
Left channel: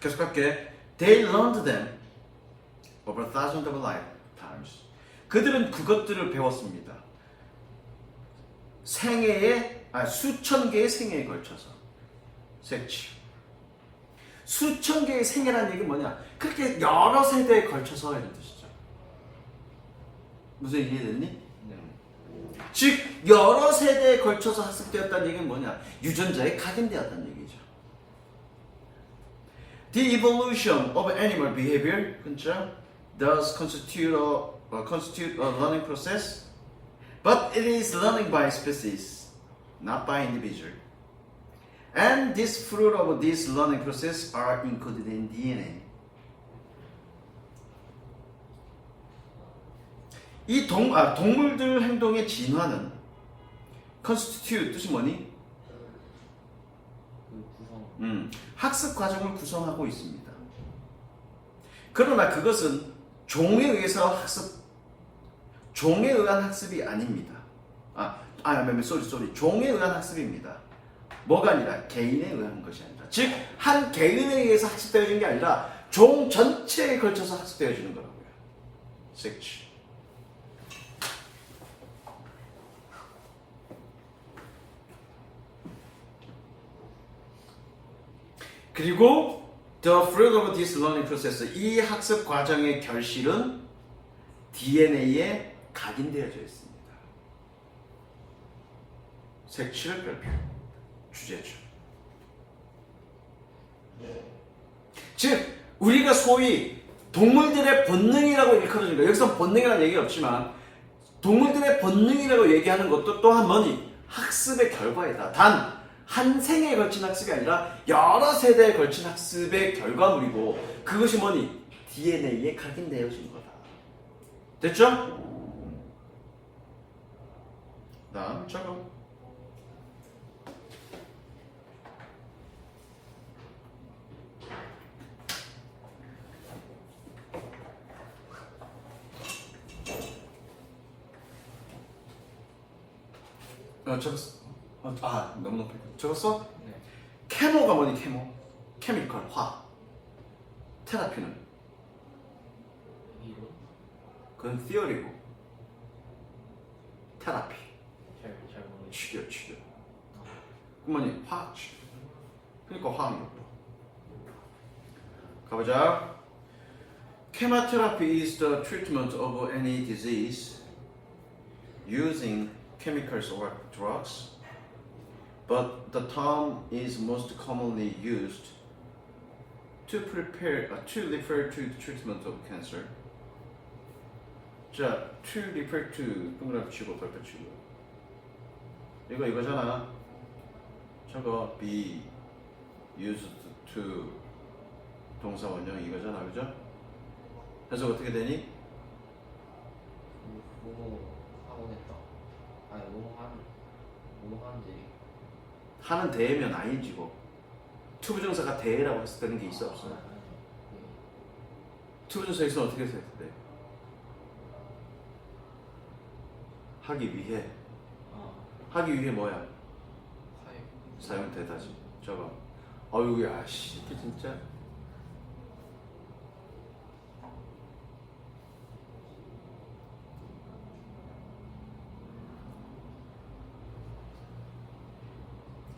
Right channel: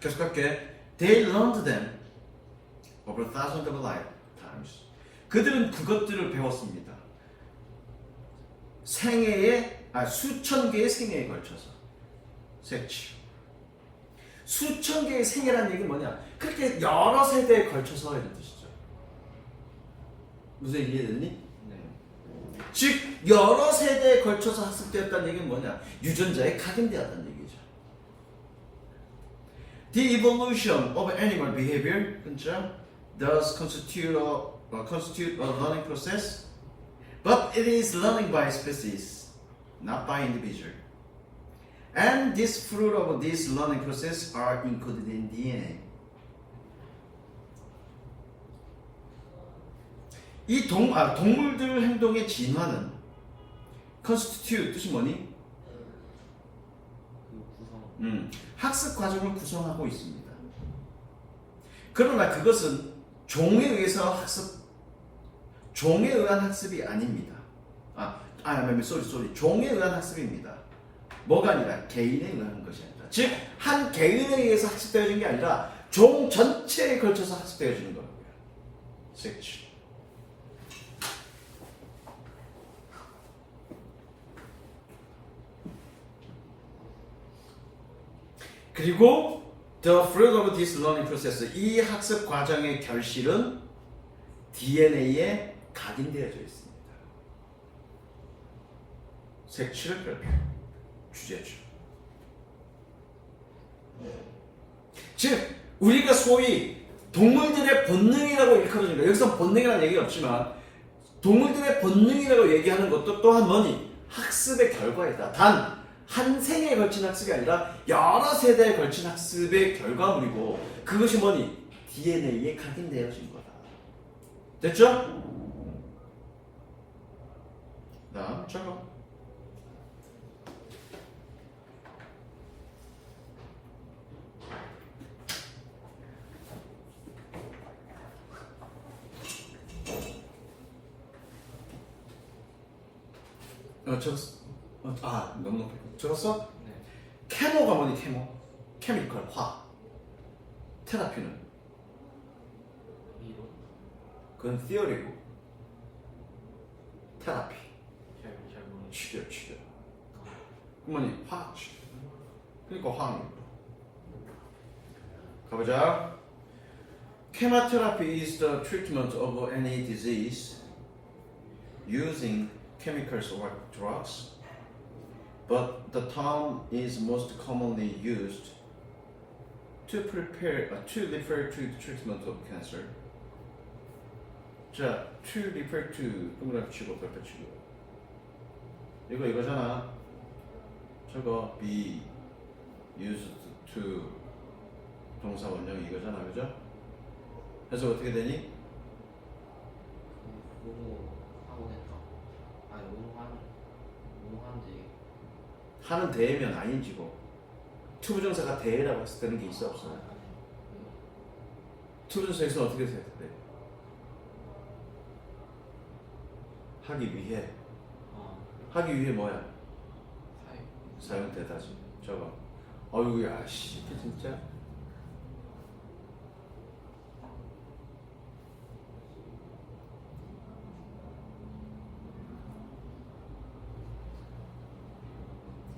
계속할게. They learned them over thousands of lifetimes. 그들은 그것들을 배웠습니다. 수천 개의 생애에 걸쳐서. 색치. 수천 개의 생애라는 얘기 뭐냐? 그렇게 여러 세대에 걸쳐서 이런 뜻이죠. 무슨 이해됐니? 즉 여러 세대에 걸쳐서 학습되었다는 얘기는 뭐냐? 유전자에 각인되었다는 얘기죠. The evolution of animal behavior does constitute a learning process, but it is learning by species, not by individual. And this fruit of this learning process are encoded in DNA. 이 동물들 행동의 진화는 constitute 뜻이 뭐니? 학습 과정을 구성하고 있습니다. 그러나 그것은 종에 의해서 종에 의한 학습이 아닙니다. 쏘리. 종에 의한 학습입니다. 뭐가 아니라 개인에 의한 것이 아니라. 즉, 한 개인에 의해서 학습되어지는 게 아니라 종 전체에 걸쳐서 학습되어지는 거라고요. 섹치. 그리고 the fruit of this learning process, 이 학습 과정의 결실은 DNA에 각인되어져 있습니다. 색칠을 별표 주제죠. 즉 우리가 소위 동물들의 본능이라고 일컬어주는 거, 여기서 본능이라는 얘기가 없지만 동물들의 본능이라고 얘기하는 것도 또한 뭐니? 학습의 결과이다. 단 한 생에 걸친 학습이 아니라 여러 세대에 걸친 학습의 결과물이고, 그것이 뭐니? DNA에 각인되어진 거다. 됐죠? 다음 저거. 적었어. 너무 높게. 적었어? 네. 케모가 뭐니? 케모? 케미컬, 화. 테라피는? 이론. 그건 theory고. 테라피. 잘 모르겠어요. 치료. 그 뭐니? 화학 치료. 그러니까 화학력. 가보자. Chemotherapy is the treatment of any disease using chemicals or drugs, but the term is most commonly used to refer to the treatment of cancer. 자, to refer to 동그라미 치고 별표 치고. 이거잖아. 저거 be used to 동사 원형 이거잖아, 그죠? 그래서 어떻게 되니? 하는 대면 ing고 투부정사가 대라고 했을 때는 게 있어 없어? 투부정사에서 어떻게 생각해? 하기 위해 뭐야? 사용되다지. 저거. 어휴야 씨, 이게 진짜.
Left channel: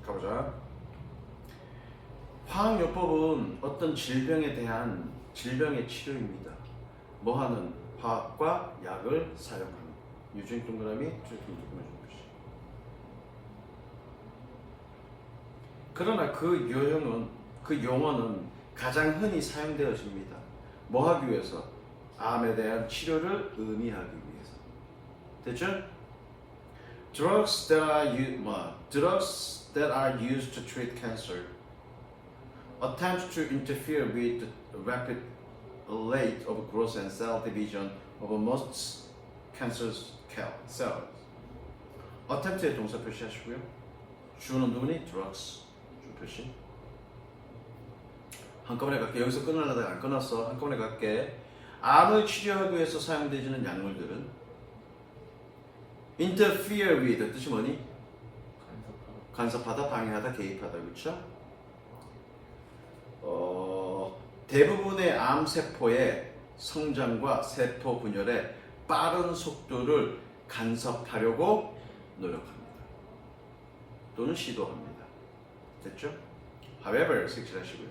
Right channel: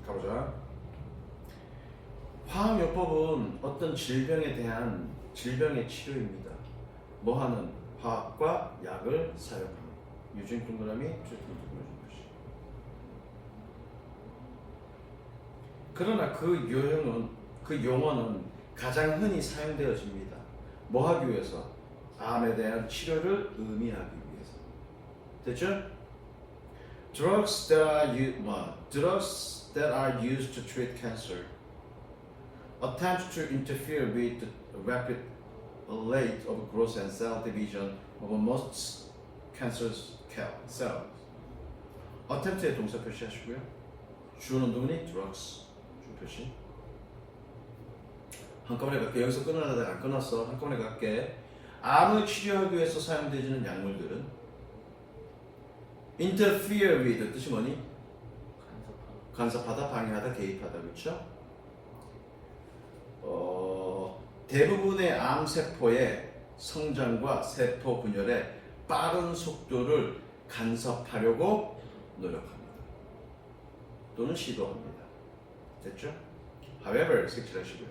가보자. 화학요법은 어떤 질병에 대한 질병의 치료입니다. 뭐하는? 화학과 약을 사용하는. 유진 동그라미, 그러나 그 용어는 가장 흔히 사용되어집니다. 뭐 하기 위해서? 암에 대한 치료를 의미하기 위해서. 됐죠? Drugs that are used to treat cancer attempt to interfere with the rapid rate of growth and cell division of most cancer cells. attempt의 동사 표시하시고요. 주어는 누구니? drugs. 주 표시. 한꺼번에 갈게. 여기서 끊으려다가 안 끊었어. 한꺼번에 갈게. 암을 치료하기 위해서 사용되는 약물들은 interfere with 뜻이 뭐니? 간섭하다, 방해하다, 개입하다. 그렇죠? 대부분의 암세포의 성장과 세포 분열의 빠른 속도를 간섭하려고 노력합니다. 또는 시도합니다. 됐죠? However, 색칠하시고요.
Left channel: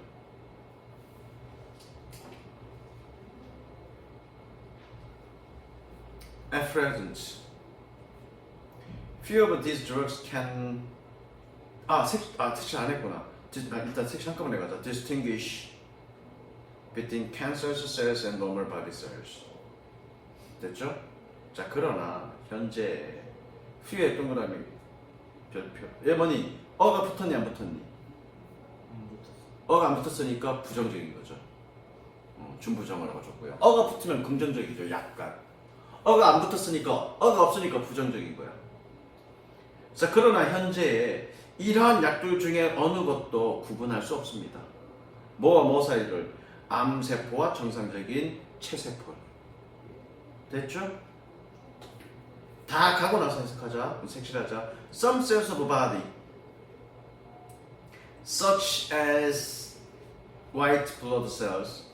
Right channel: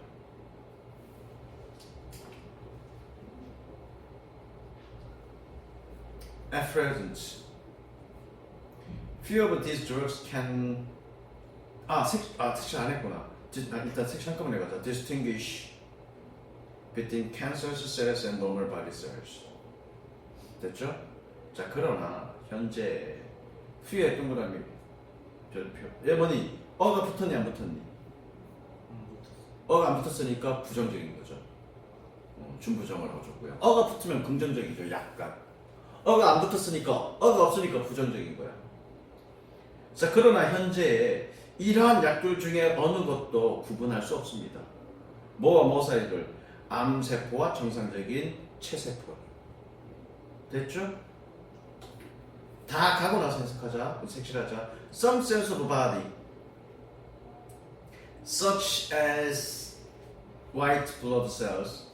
At present, few of these drugs can 색칠 안 했구나. 일단 색칠 한꺼번에 가자. Distinguish between cancerous cells and normal body cells. 됐죠? 자, 그러나 현재 few의 동그라미 별표. 얘 뭐니? 어가 붙었니 안 붙었니? 어가 안 붙었으니까 부정적인 거죠. 준부정을 하고 줬고요. 어가 붙으면 긍정적이죠. 약간. 어가 안 붙었으니까, 어가 없으니까 부정적인 거야. 자, 그러나 현재 이러한 약들 중에 어느 것도 구분할 수 없습니다. 뭐와 뭐 사이를? 암세포와 정상적인 체세포. 됐죠? 다 가고 나서 해석하자. 색칠하자. Some cells of a body, such as white blood cells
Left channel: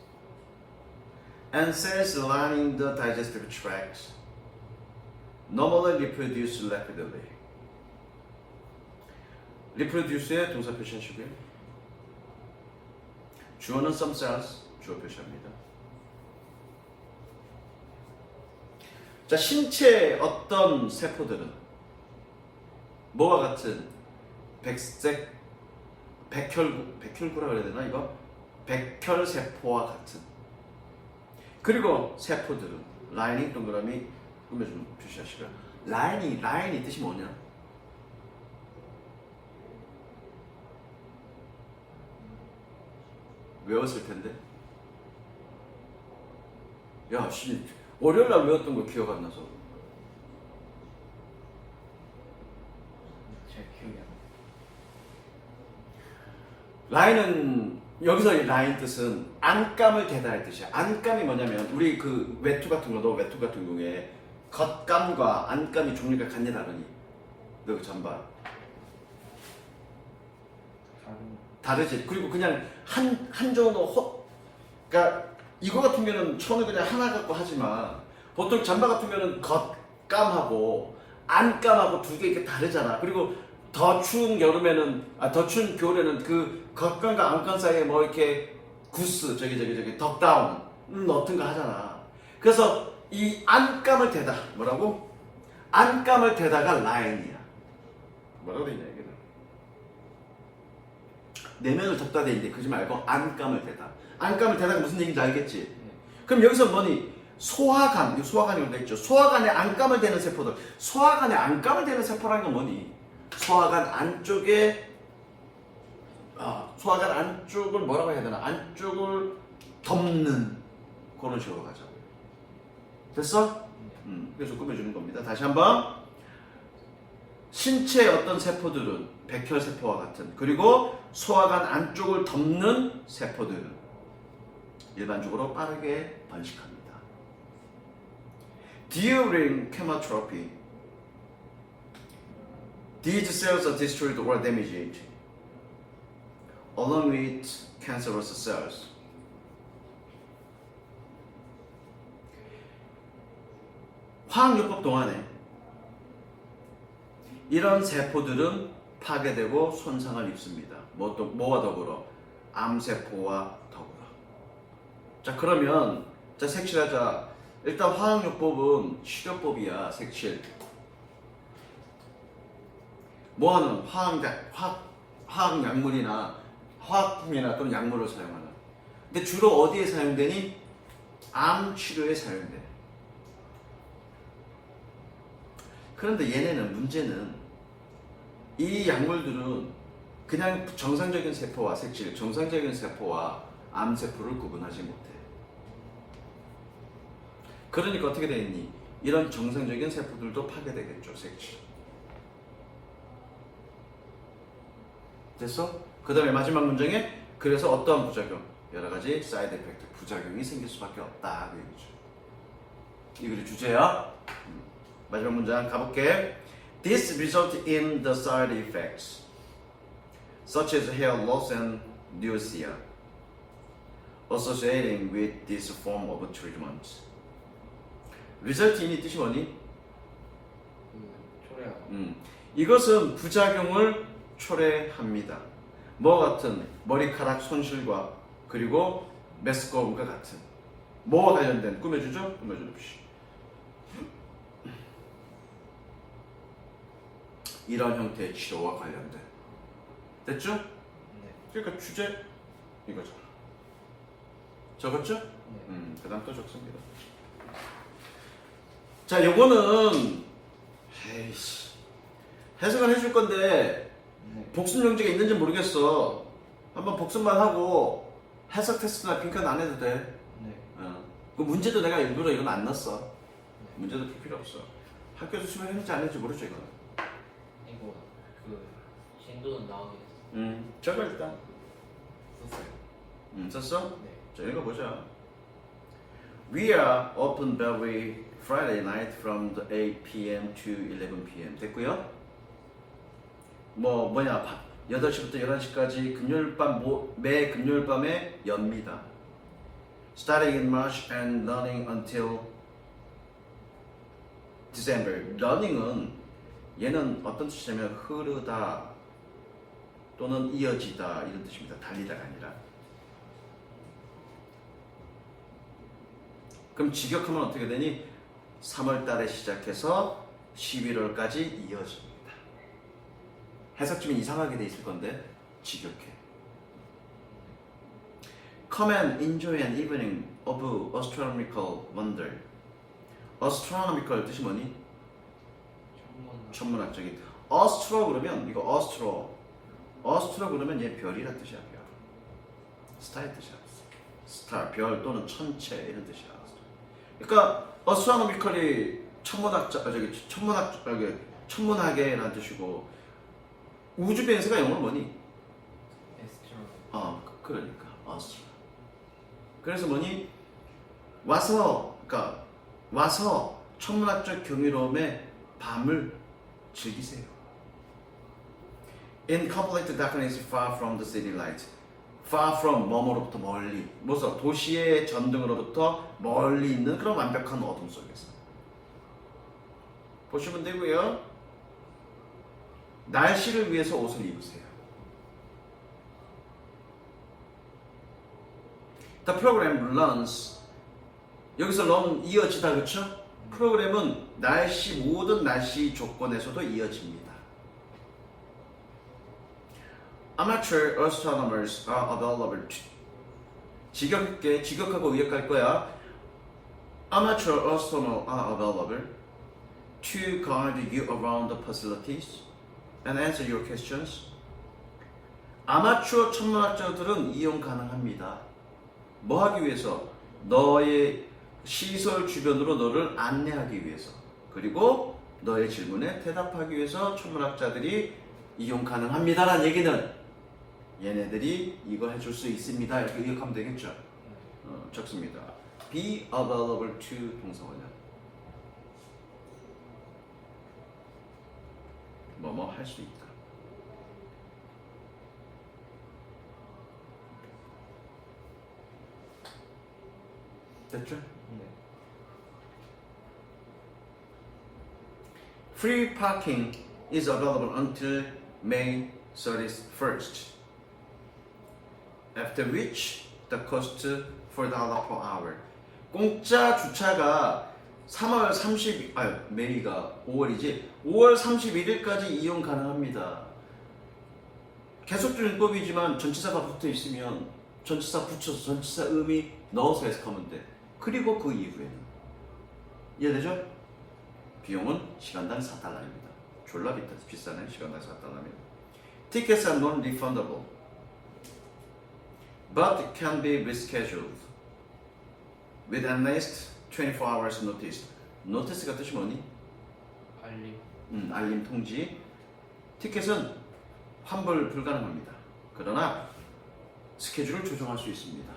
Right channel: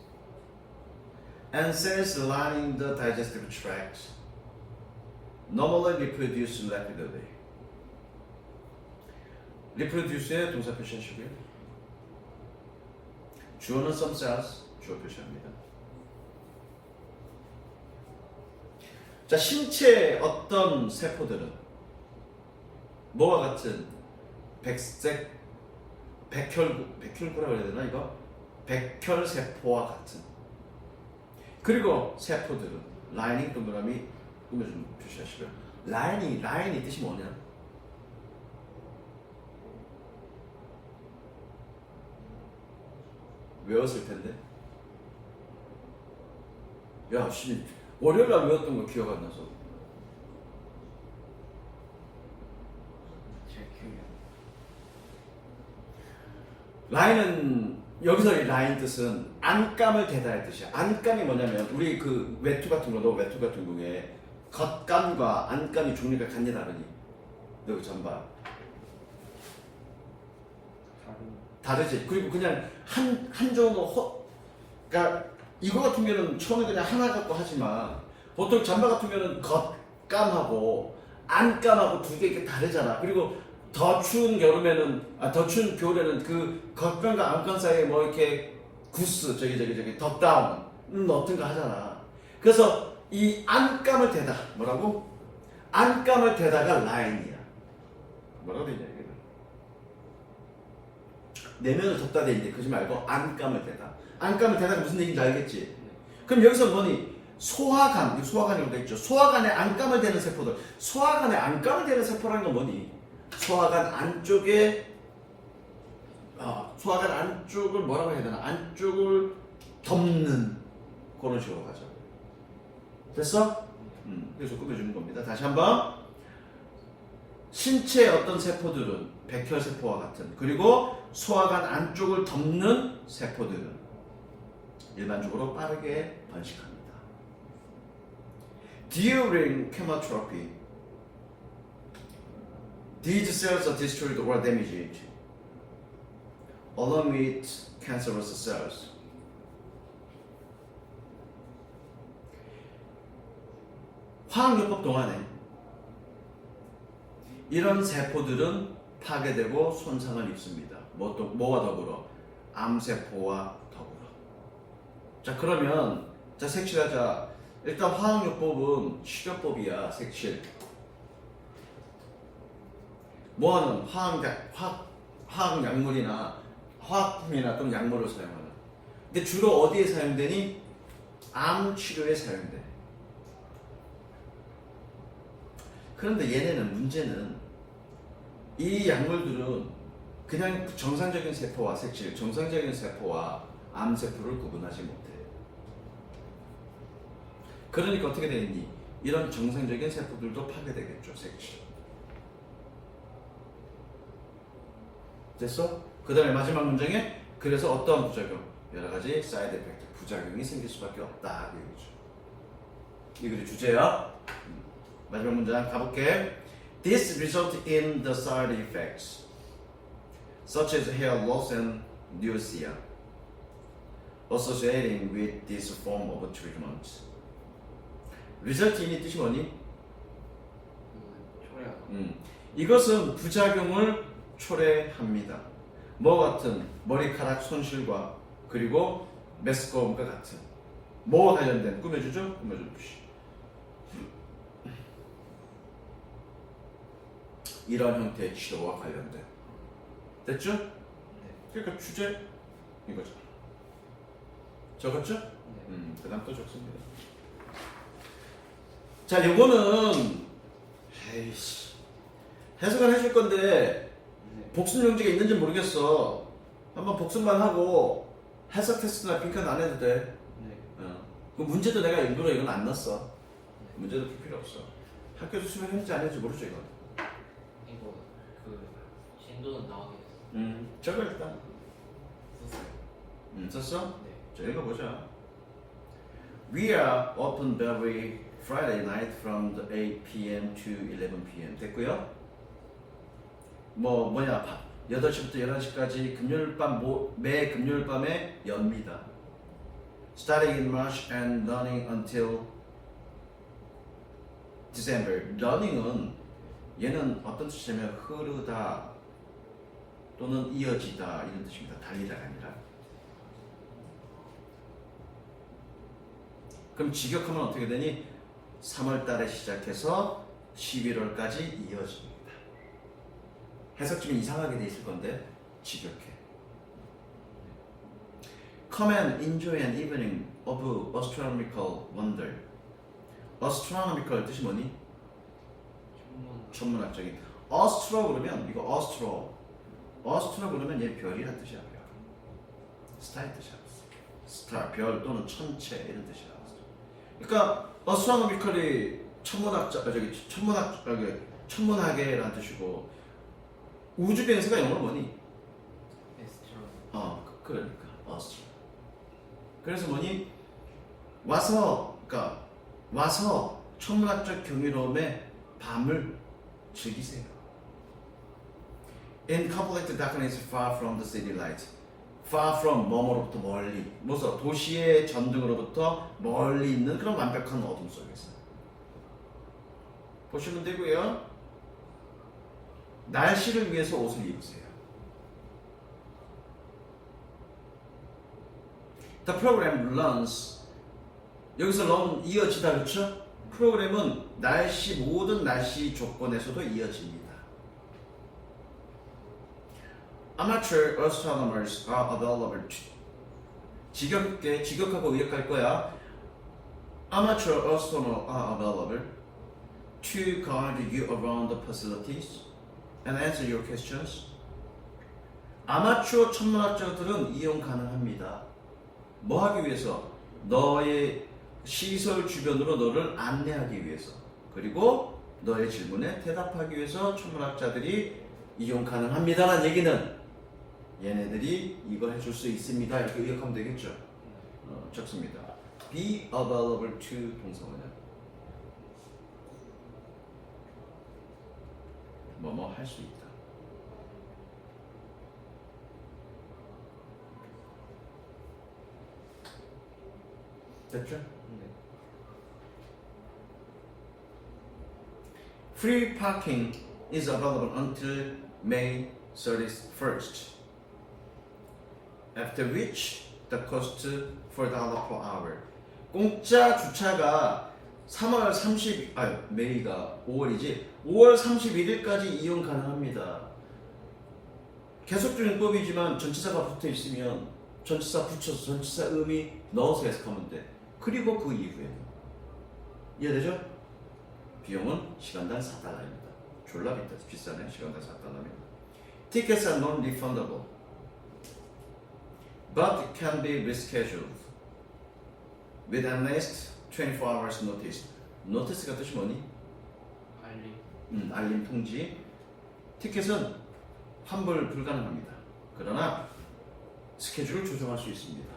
and cells lining the digestive tract, normally reproduce rapidly. reproduce의 동사 표시하시고요. 주어는 some cells, 주어 표시합니다. 자, 신체의 어떤 세포들은 뭐와 같은 백혈구라고 해야 되나 이거? 백혈세포와 같은. 그리고 세포들은 라이닝 동그라미 꾸며 좀 표시하시고요. 라인이 뜻이 뭐냐? 외웠을 텐데. 야, 월요일날 외웠던 거 기억 안 나서. 제 기억이 라인은 여기서 라인 뜻은 안감을 대다 할 뜻이야. 안감이 뭐냐면 우리 그 외투 같은 거, 너 외투 같은 경우에 겉감과 안감이 종류가 같냐 다르니? 너 그 잠바 다르지. 그리고 그냥 한 종으로 그러니까 이거 같은 경우는 처음에 그냥 하나 갖고 하지만 보통 잠바 같은 경우는 겉감하고 안감하고 두 개 이렇게 다르잖아. 그리고 더 추운 여름에는 더 추운 겨울에는 그 겉감과 안감 사이에 뭐 이렇게 구스 저기 덕다운 넣든 거 하잖아. 그래서 이 안감을 대다 뭐라고? 안감을 대다가 라인이야. 뭐라고 되냐 이게? 내면을 덮다 돼 있는데 그러지 말고 안감을 대다. 안감을 대다가 무슨 얘기인지 알겠지? 그럼 여기서 뭐니? 소화간이라고 돼 있죠. 소화간에 안감을 대는 세포들. 소화간에 안감을 대는 세포라는 건 뭐니? 소화간 안쪽에 소화간 안쪽을 뭐라고 해야 되나? 안쪽을 덮는 그런 식으로 가죠. 됐어? 그래서 꾸며주는 겁니다. 다시 한번. 신체의 어떤 세포들은 백혈세포와 같은, 그리고 소화관 안쪽을 덮는 세포들은 일반적으로 빠르게 번식합니다. During chemotherapy, these cells are destroyed or damaged, along with cancerous cells. 화학요법 동안에 이런 세포들은 파괴되고 손상을 입습니다. 뭐와 더불어? 암세포와 더불어. 자, 그러면 자, 색칠하자. 일단 화학요법은 치료법이야. 색칠. 뭐하는 화학약물이나 화학품이나 또는 약물을 사용하는. 근데 주로 어디에 사용되니? 암 치료에 사용돼. 그런데 얘네는 문제는 이 약물들은 그냥 정상적인 세포와 색칠, 정상적인 세포와 암세포를 구분하지 못해. 그러니까 어떻게 되겠니? 이런 정상적인 세포들도 파괴되겠죠, 색칠. 됐어? 그 다음에 마지막 문장에 그래서 어떠한 부작용? 여러 가지 사이드 에펙트, 부작용이 생길 수밖에 없다. 그 얘기죠. 이 글이 주제야. 마지막 문장 가볼게. This result in the side effects, such as hair loss and nausea, associating with this form of treatment. result in이 뜻이 뭐니? 초래하고 이것은 부작용을 초래합니다. 뭐 같은? 머리카락 손실과 그리고 메스꺼움과 같은. 뭐와 관련된? 꾸며주죠? 꾸며주십시오. 이런 형태의 치료와 관련된. 됐죠? 그러니까 주제 이거죠. 적었죠? 그 다음 또 적습니다. 자, 요거는 에이씨 해석을 해줄 건데 복습 용지가 있는지 모르겠어. 한번 복습만 하고 해석 테스트나 빈칸 안 해도 돼. 그 문제도 내가 일부러 이건 안 넣었어. 문제도 풀 필요 없어. 학교에서 수업했는지 안 했는지 모르죠 이건. 이거 그 진도는 나오겠어. 저거 일단 썼어? 네. 자, 읽어보자. We are often very Friday night from the 8 p.m. to 11 p.m. 됐고요. 뭐냐 8시부터 11시까지 금요일 밤 매 금요일 밤에 엽니다. Starting in March and running until December. Running은 얘는 어떤 뜻이냐면 흐르다 또는 이어지다 이런 뜻입니다. 달리다가 아니라. 그럼 직역하면 어떻게 되니? 3월 달에 시작해서 11월까지 이어집니다. 해석 좀 이상하게 돼 있을 건데 직역해. Come and enjoy an evening of astronomical wonder. astronomical 뜻이 뭐니? 천문학적인. astro 그러면 이거 astro 그러면 얘 별이란 뜻이야. 별. 스타의 뜻이야. 스타, 별 또는 천체 이런 뜻이야. 그러니까 astronomical이 천문학계라는 뜻이고 우주 비행사가 영어로 뭐니? 에스트로. 그러니까 astro. 그래서 뭐니? 와서 천문학적 경이로움의 밤을 즐기세요. In complete darkness, far from the city light. Far from 뭐뭐로부터 멀리. 무슨 도시의 전등으로부터 멀리 있는 그런 완벽한 어둠 속에서. 보시면 되고요. 날씨를 위해서 옷을 입으세요. The program runs. 여기서 run 이어지다 그렇죠? 프로그램은 모든 날씨 조건에서도 이어집니다. Amateur astronomers are available to. 직역하고 의역할 거야. Amateur astronomers are available to guide you around the facilities and answer your questions. 아마추어 천문학자들은 이용 가능합니다. 뭐 하기 위해서? 너의 시설 주변으로 너를 안내하기 위해서. 그리고 너의 질문에 대답하기 위해서 천문학자들이 이용 가능합니다라는 얘기는 얘네들이 이걸 해줄 수 있습니다. 이렇게 의역하면 되겠죠. 적습니다. Be available to 동사원이야. 뭐뭐 할 수 있다. 됐죠? Free parking is available until May 31st. After which the cost $4 per hour. 공짜 주차가 3월 30, 메이가 5월이지. 5월 31일까지 이용 가능합니다. 계속적용법이지만 전치사가 붙어 있으면 전치사 붙여서 전치사 의미 넣어서 해석하면 돼. 그리고 그 이후에는 이해되죠? 비용은 시간당 $4입니다. 졸라 비싸네. 시간당 $4입니다. Tickets are non-refundable, but can be rescheduled with at least 24 hours notice. notice가 뜻이 뭐니? 알림 통지. 티켓은 환불 불가능합니다. 그러나 스케줄을 조정할 수 있습니다.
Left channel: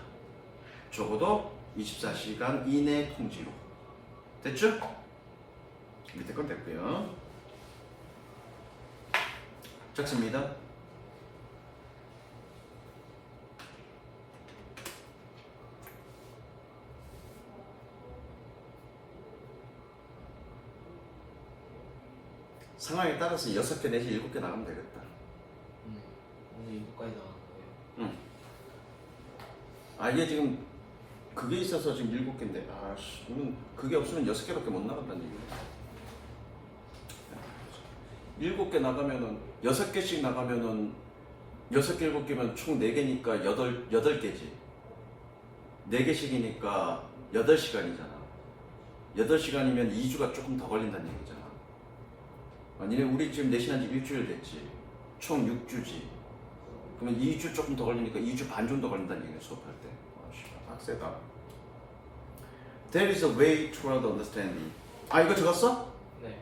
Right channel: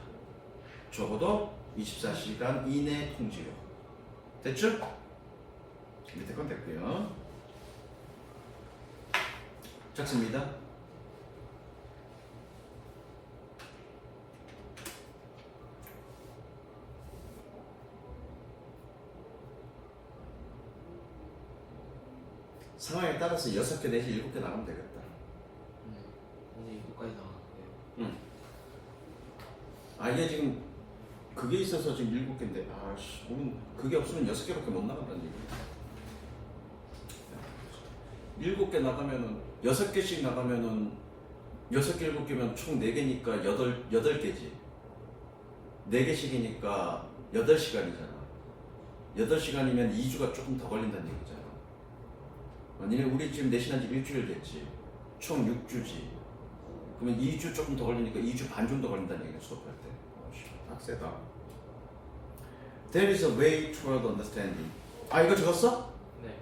적어도 24시간 이내 통지로. 됐죠? 밑에 건 됐고요. 적습니다. 상황에 따라서 6개 내지 7개 나가면 되겠다. 오늘 이거까지 나왔네요. 이게 지금 그게 있어서 지금 7개인데 오늘 그게 없으면 6개밖에 못 나간다는 얘기야. 7개 나가면은 6개씩 나가면은 6개 7개면 총 4개니까 8개지. 4개씩이니까 8시간이잖아. 8시간이면 2주가 조금 더 걸린다는 얘기잖아. 우리 지금 내신한 지 일주일 됐지. 총 6주지. 그러면 2주 조금 더 걸리니까 2주 반 정도 걸린다는 얘기야, 수업할 때. 빡세다. There is a way toward understanding. 이거 적었어? 네.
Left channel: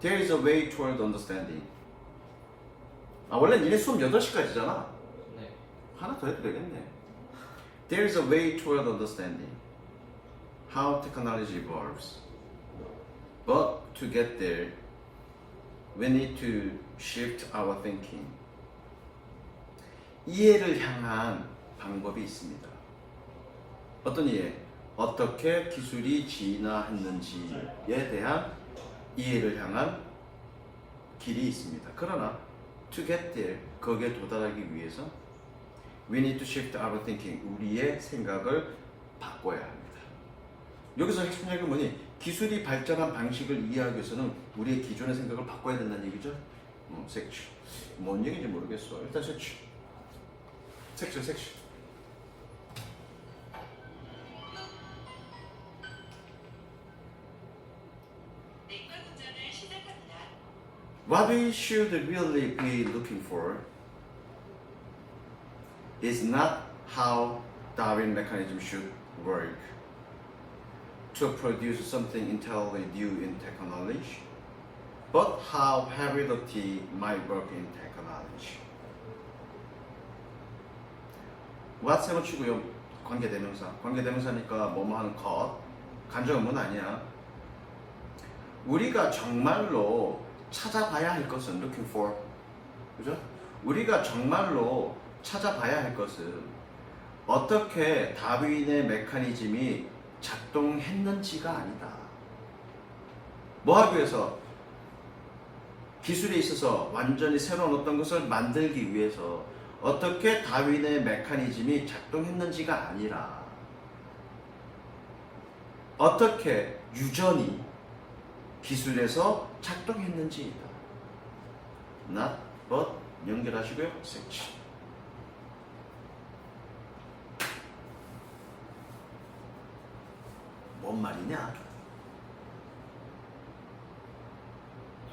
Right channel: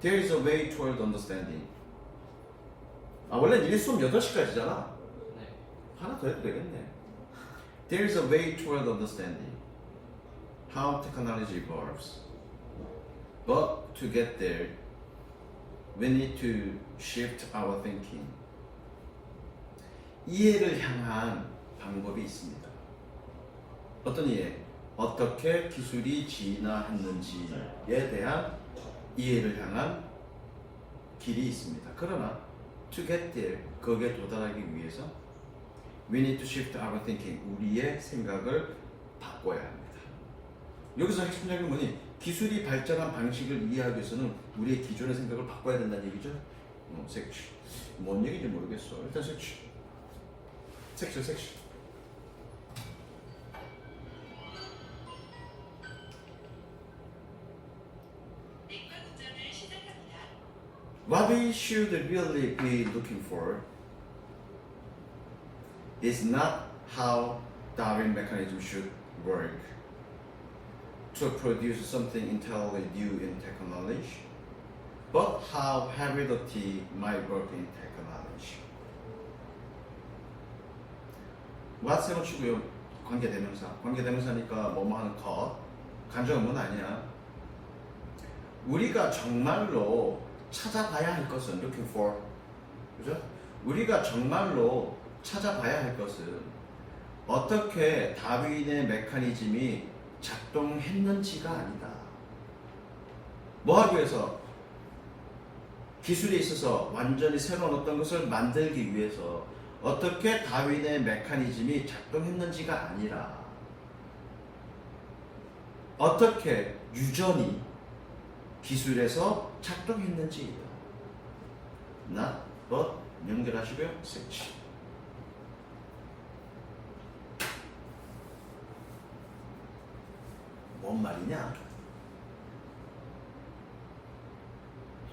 There is a way toward understanding. 원래 니네 수업 8시까지잖아. 네. 하나 더 해도 되겠네. There is a way toward understanding how technology evolves. But to get there, we need to shift our thinking. 이해를 향한 방법이 있습니다. 어떤 이해? 어떻게 기술이 진화했는지에 대한 이해를 향한 길이 있습니다. 그러나 to get there, 거기에 도달하기 위해서 we need to shift our thinking, 우리의 생각을 바꿔야 합니다. 여기서 핵심 이야기는 뭐니? 기술이 발전한 방식을 이해하기 위해서는 우리의 기존의 생각을 바꿔야 된다는 얘기죠. 색칠. 뭔 얘기인지 모르겠어. 일단 색칠. 색칠. What we should really be looking for is not how Darwin mechanism should work to produce something entirely new in technology, but how heredity might work in technology. what's 치고요. 관계대명사. 관계대명사니까 뭐뭐 하는 것. 간접문 아니야. 우리가 정말로 찾아봐야 할 것은 looking for, 그죠? 우리가 정말로 찾아봐야 할 것은 어떻게 다윈의 메커니즘이 작동했는지가 아니다. 뭐 하기 위해서? 기술에 있어서 완전히 새로운 어떤 것을 만들기 위해서 어떻게 다윈의 메커니즘이 작동했는지가 아니라 어떻게 유전이 기술에서 작동했는지이다. not but 연결하시고요. 색칠. 뭔 말이냐?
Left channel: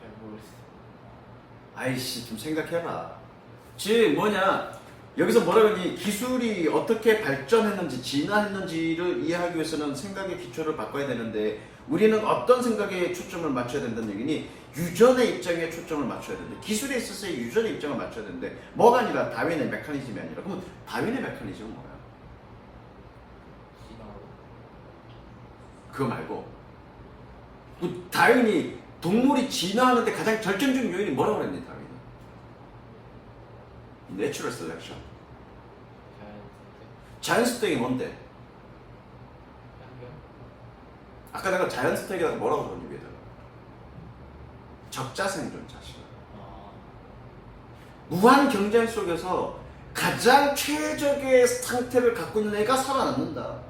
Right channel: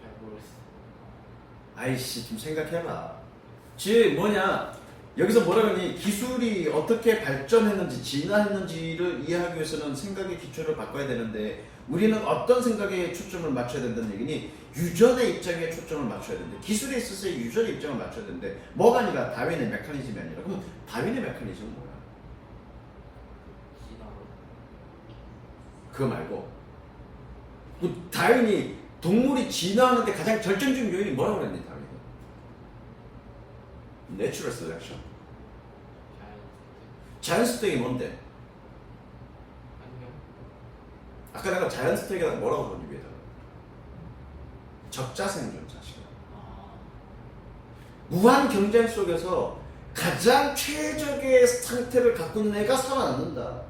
잘 모르겠어. 아이씨 좀 생각해라. 즉 뭐냐? 여기서 뭐라 그러니? 기술이 어떻게 발전했는지 진화했는지를 이해하기 위해서는 생각의 기초를 바꿔야 되는데 우리는 어떤 생각에 초점을 맞춰야 된다는 얘기니? 유전의 입장에 초점을 맞춰야 된다. 기술에 있어서의 유전의 입장을 맞춰야 되는데 뭐가 아니라 다윈의 메커니즘이 아니라. 그러면 다윈의 메커니즘은 뭐야? 그거 말고 그 다윈이 동물이 진화하는데 가장 결정적 요인이 뭐라고 그랬니? 다윈은 내추럴 셀렉션. 자연스택이 뭔데? 아까 내가 자연스택이라고 뭐라고 부르는 거야? 적자생존 자식. 무한 경쟁 속에서 가장 최적의 상태를 갖고 있는 애가 살아남는다.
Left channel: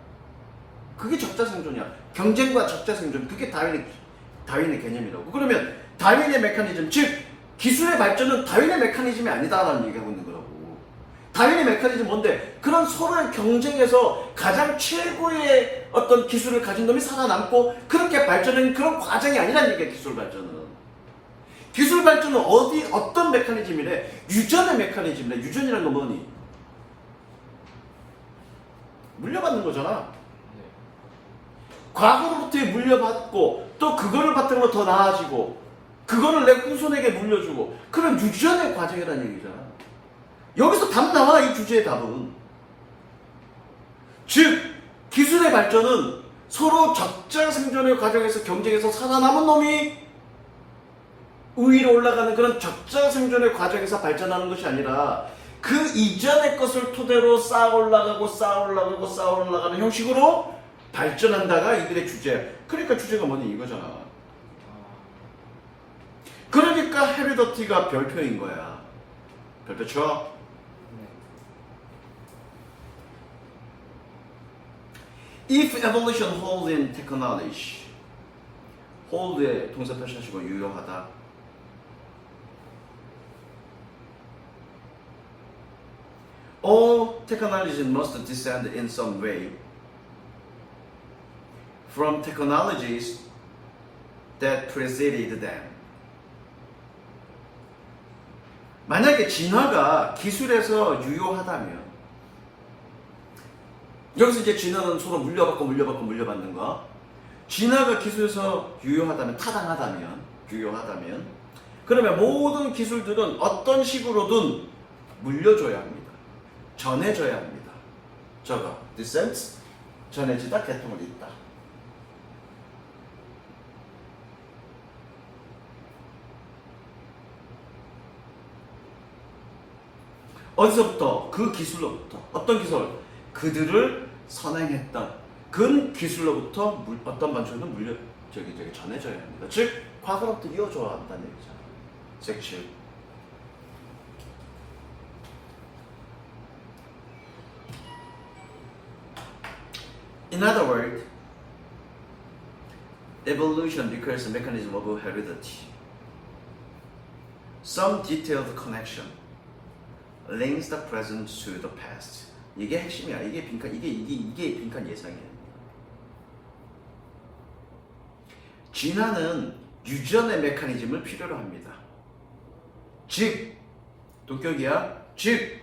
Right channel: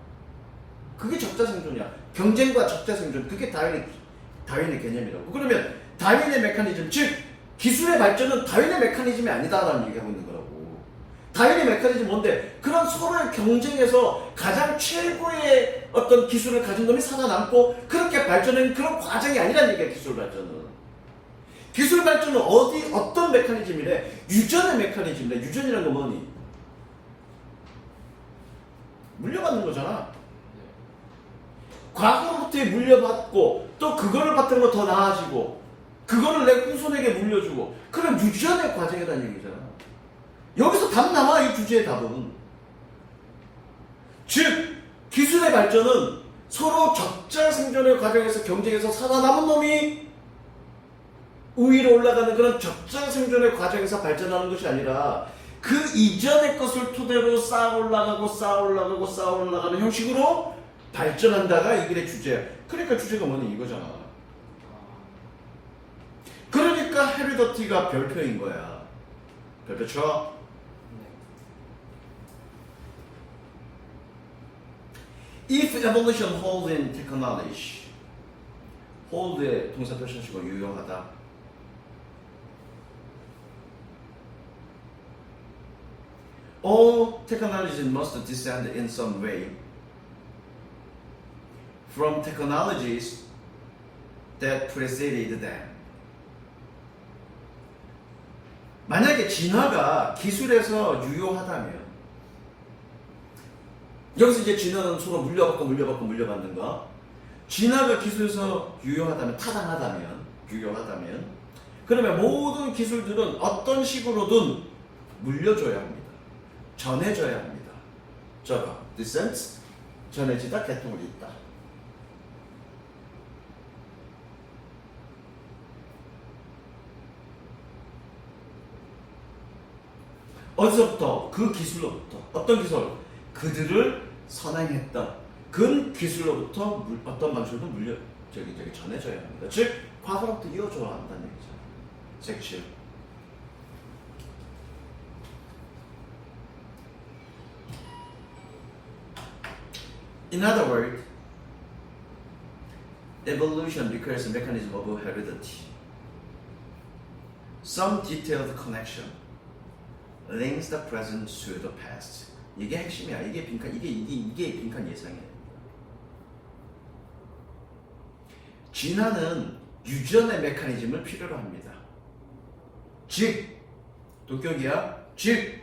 그게 적자생존이야. 경쟁과 적자생존, 그게 다윈의 개념이라고. 그러면 다윈의 메커니즘, 즉 기술의 발전은 다윈의 메커니즘이 아니다라는 얘기하고 있는 거라고. 다윈의 메커니즘 뭔데? 그런 서로의 경쟁에서 가장 최고의 어떤 기술을 가진 놈이 살아남고 그렇게 발전하는 그런 과정이 아니라는 얘기야. 기술 발전은. 기술 발전은 어떤 메커니즘이래? 유전의 메커니즘이래. 유전이라는 건 뭐니? 물려받는 거잖아. 과거로부터 물려받고 또 그거를 바탕으로 더 나아지고 그거를 내 후손에게 물려주고 그런 유전의 과정이라는 얘기잖아. 여기서 답 나와. 이 주제의 답은. 즉 기술의 발전은 서로 적자 생존의 과정에서 경쟁에서 살아남은 놈이 우위로 올라가는 그런 적자 생존의 과정에서 발전하는 것이 아니라 그 이전의 것을 토대로 쌓아 올라가는 형식으로 발전한다가 이들의 주제야. 그러니까 주제가 뭐니? 이거잖아. 그러니까 헤리더티가 별표인 거야. 별표 쳐. If evolution holds in technology, hold의 동사 표시하시고 유효하다. All technologies must descend in some way from technologies that preceded them. 만약에 진화가 기술에서 유효하다면, 여기서 이제 진화는 서로 물려받는 거. 진화가 기술에서 유효하다면, 유효하다면, 그러면 모든 기술들은 어떤 식으로든 물려줘야 합니다. 전해져야 합니다. 저가 descent, 전해지다, 계통을 잇다. 어디서부터? 그 기술로부터. 어떤 기술? 그들을 선행했던 그 기술로부터 어떤 반출도 저기 전해져야 합니다. 즉 과거로부터 이어져야 한다는 얘기죠. 섹츄. In other words, evolution requires a mechanism of heredity. Some detailed connection links the present to the past. 이게 핵심이야. 이게 빈칸 예상이에요. 진화는 유전의 메커니즘을 필요로 합니다. 즉, 도격이야. 즉,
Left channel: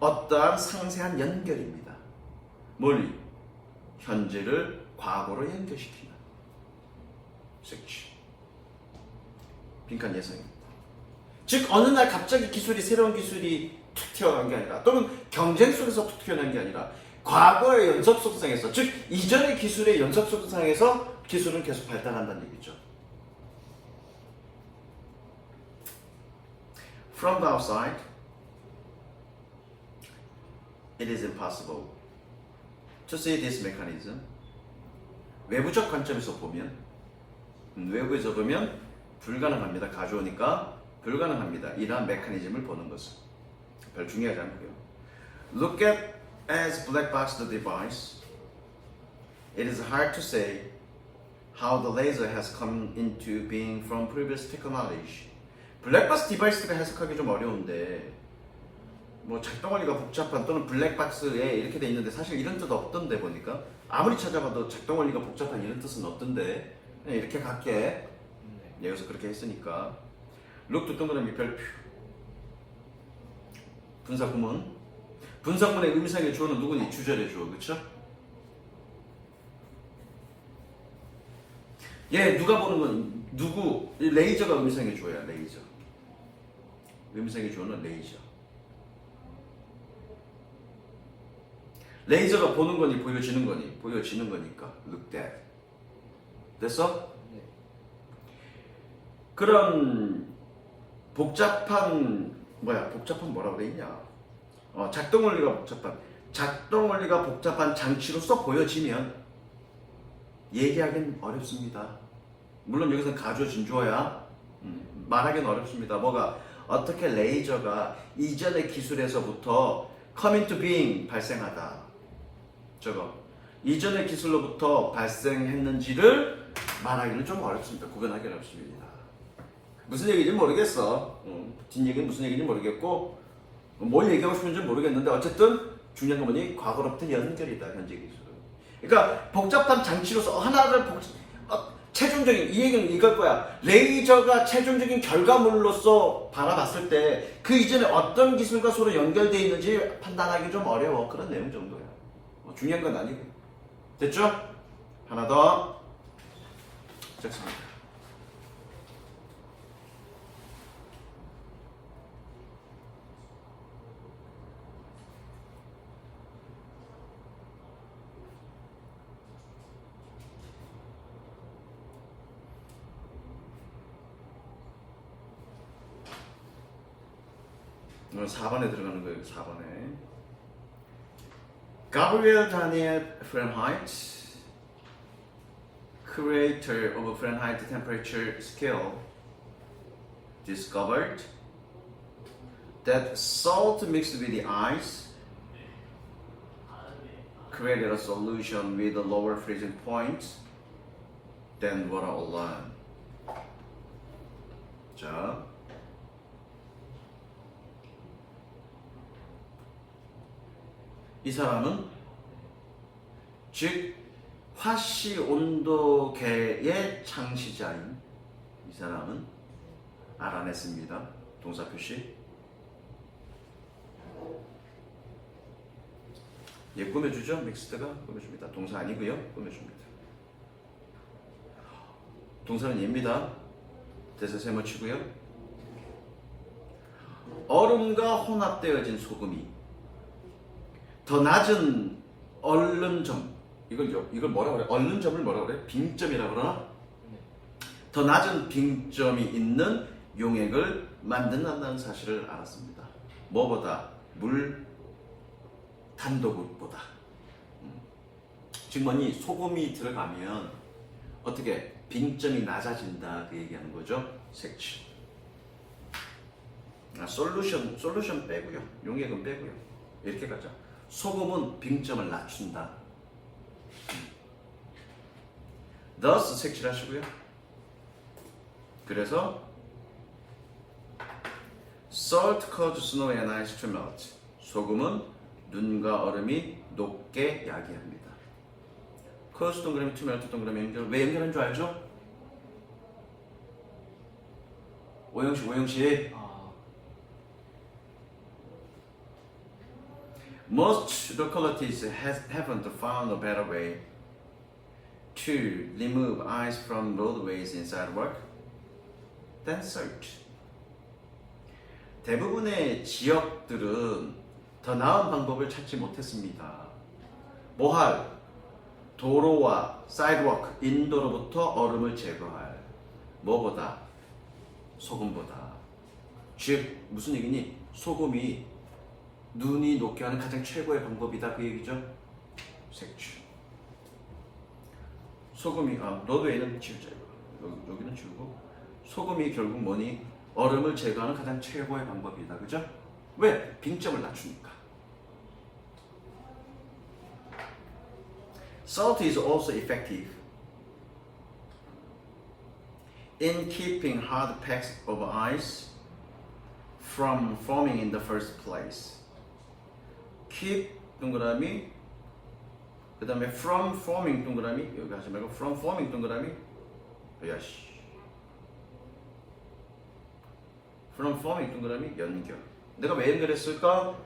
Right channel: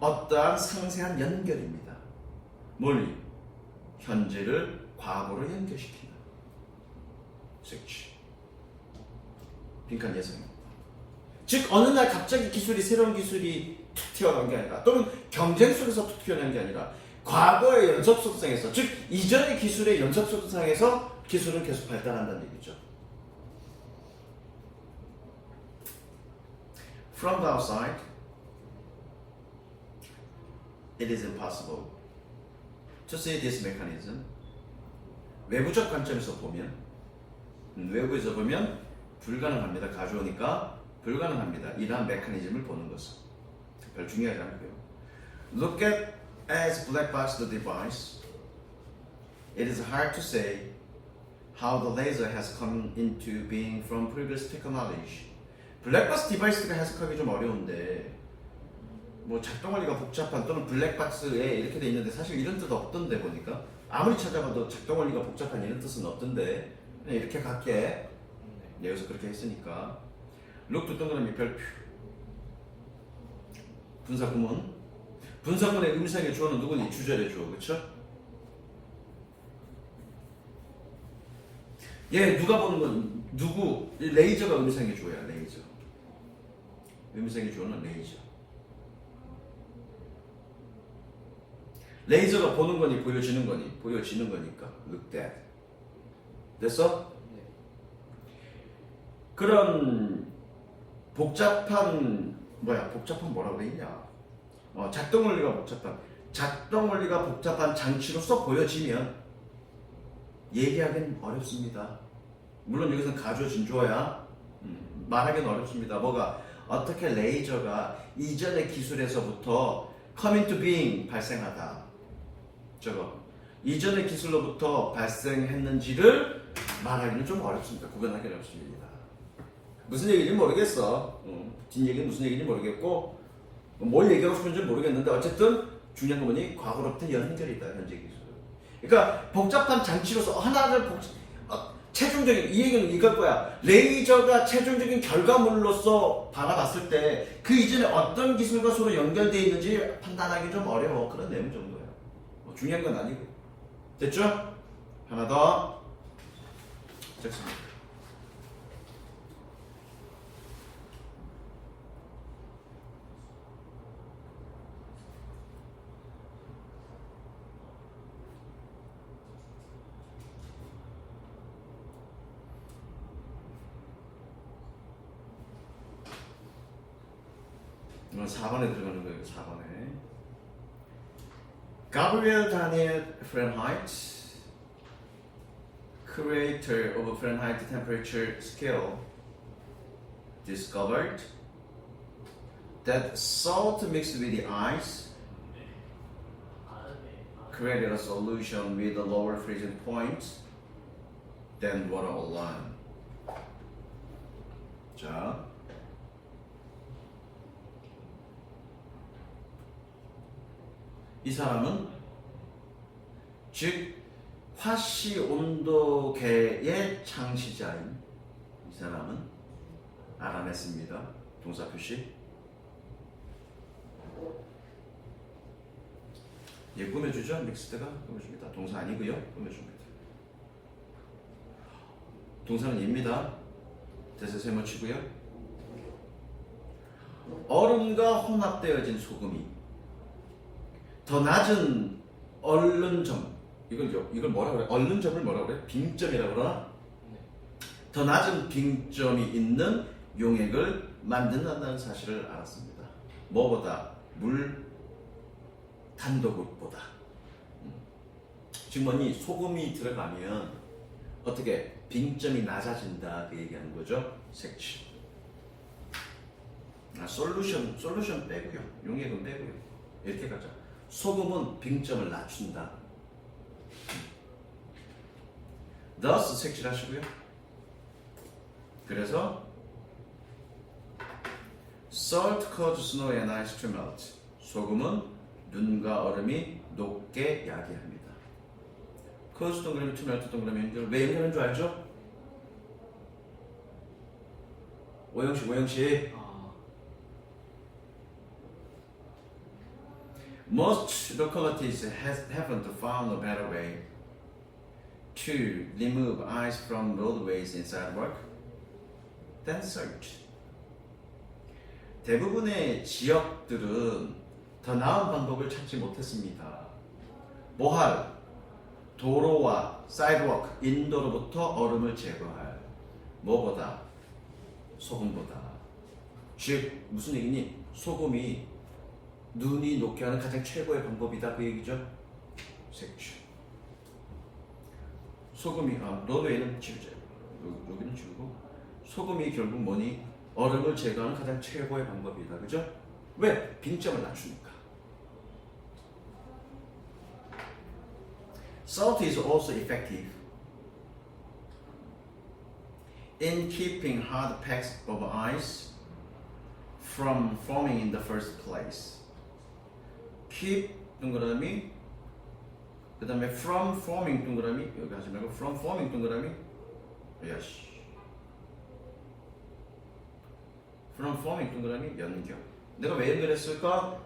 어떠한 상세한 연결입니다. 뭘? 현재를 과거로 연결시키는 섹치. 빈칸 예상입니다. 즉 어느 날 갑자기 새로운 기술이 툭 튀어나온 게 아니라 또는 경쟁 속에서 툭 튀어나온 게 아니라 과거의 연속 속성에서 즉 이전의 기술의 연속 속성에서 기술은 계속 발달한다는 얘기죠. From the outside, it is impossible to see this mechanism. 외부적 관점에서 보면 외부에서 보면 불가능합니다. 가져오니까 불가능합니다. 이러한 메커니즘을 보는 것은 별 중요하지 않고요. Look at as black box the device. It is hard to say how the laser has come into being from previous technology. 블랙박스 디바이스가 해석하기 좀 어려운데 뭐 작동원리가 복잡한 또는 블랙박스에 이렇게 돼 있는데 사실 이런 뜻 없던데 보니까 아무리 찾아봐도 작동원리가 복잡한 이런 뜻은 없던데 그냥 이렇게 갈게. 여기서 그렇게 했으니까 룩도 동그라미 별표 분사구문의 의미상의 주어는 누구니? 주절의 주어. 그쵸? 얘 누가 보는 건 누구? 레이저가 의미상의 주어야. 레이저. 의미상의 주어는 레이저. 레이저가 보는 거니 보여지는 거니? 보여지는 거니까 look that. 됐어? 그런 복잡한 뭐라고 돼 있냐? 작동 원리가 복잡한 장치로서 보여지면 얘기하기는 어렵습니다. 물론 여기서는 가져진 주어야 말하기는 어렵습니다. 뭐가 어떻게 레이저가 이전의 기술에서부터 come into being 발생하다. 저거 이전의 기술로부터 발생했는지를 말하기는 좀 어렵습니다. 구분하기 어렵습니다. 무슨 얘기인지 모르겠어. 뒷얘기는 무슨 얘기인지 모르겠고 뭘 얘기하고 싶은지 모르겠는데 어쨌든 중요한 건 뭐니? 과거로부터 연결이다. 현재 기술. 그러니까 복잡한 장치로서 하나를 최종적인 이 얘기는 이걸 거야. 레이저가 최종적인 결과물로서 바라봤을 때 그 이전에 어떤 기술과 서로 연결되어 있는지 판단하기 좀 어려워. 그런 내용 정도야. 중요한 건 아니고. 됐죠? 하나 더. 좋습니다. 오늘 4번에 들어가는 거예요. 4번에 Gabriel Daniel Fahrenheit, creator of a Fahrenheit temperature scale, discovered that salt mixed with the ice created a solution with a lower freezing point than water alone. 자, 이 사람은 즉 화씨 온도계의 창시자인 이 사람은 알아냈습니다. 동사 표시. 예, 꾸며주죠. 믹스드가 꾸며줍니다. 동사 아니고요. 꾸며줍니다. 동사는 얘입니다. 대세 세모치고요. 얼음과 혼합되어진 소금이 더 낮은 얼른점, 이걸 뭐라고 그래? 얼른점을 뭐라고 그래? 빙점이라고 그러나? 더 낮은 빙점이 있는 용액을 만든다는 사실을 알았습니다. 뭐보다? 물 단독보다. 즉 뭐니 소금이 들어가면 어떻게 빙점이 낮아진다 그 얘기하는 거죠. 색칠. 솔루션 빼고요. 용액은 빼고요. 이렇게 가자. 소금은 빙점을 낮춘다. thus 색칠하시고요. 그래서 salt causes snow and ice to melt. 소금은 눈과 얼음이 녹게 야기합니다. cause 동그라미 to melt 동그라미 연결. 왜 연결하는 줄 알죠? 오영식. Most localities haven't found a better way to remove ice from roadways in sidewalk than salt. 대부분의 지역들은 더 나은 방법을 찾지 못했습니다. 뭐할? 도로와 사이드워크, 인도로부터 얼음을 제거할. 뭐보다? 소금보다. 즉 무슨 얘기니? 소금이 눈이 녹게 하는 가장 최고의 방법이다 그 얘기죠. 색칠. 소금이 로드웨이는 지우자. 여기는 지우고 소금이 결국 뭐니? 얼음을 제거하는 가장 최고의 방법이다. 그죠? 왜? 빙점을 낮추니까. Salt is also effective in keeping hard packs of ice from forming in the first place. keep 동그라미 그 다음에 from forming 동그라미 여기 하지 말고 from forming 동그라미 야씨 from forming 동그라미 연결. 내가 왜 연결했을까?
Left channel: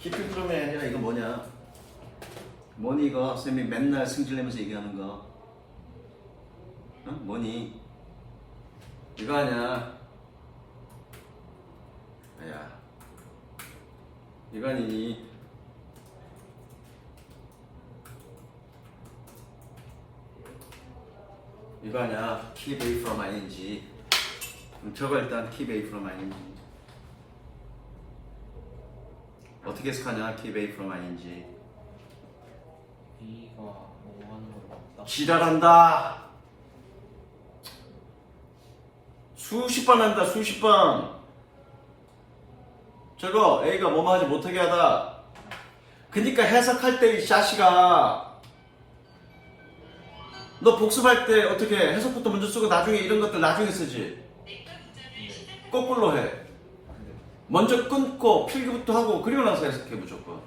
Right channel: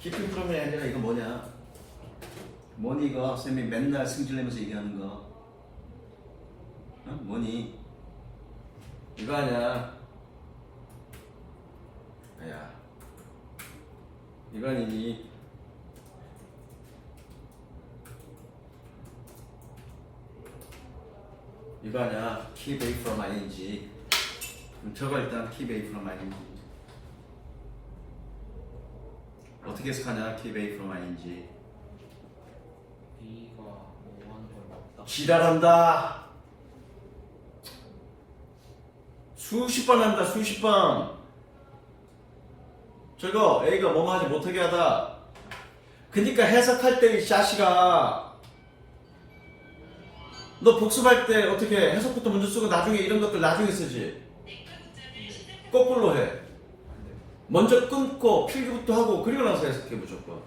keeping from이 아니라 이거 뭐냐? 뭐니 이거 선생님이 맨날 승질내면서 얘기하는 거 뭐니? 이거 아니야. 야, 이거 아니니? 이거 아니야. keep away from ing. 저거 일단 keep away from ing. 어떻게 해석하냐? keep away from ing. B가 5번 지랄한다. 수십 번 한다. 수십 번. 저거 A가 뭐뭐 하지 못하게 하다. 그니까 해석할 때 이 샤시가 너 복습할 때 어떻게 해석부터 먼저 쓰고 나중에 이런 것들 나중에 쓰지. 거꾸로 해. 먼저 끊고 필기부터 하고 그리고 나서 해석해 무조건.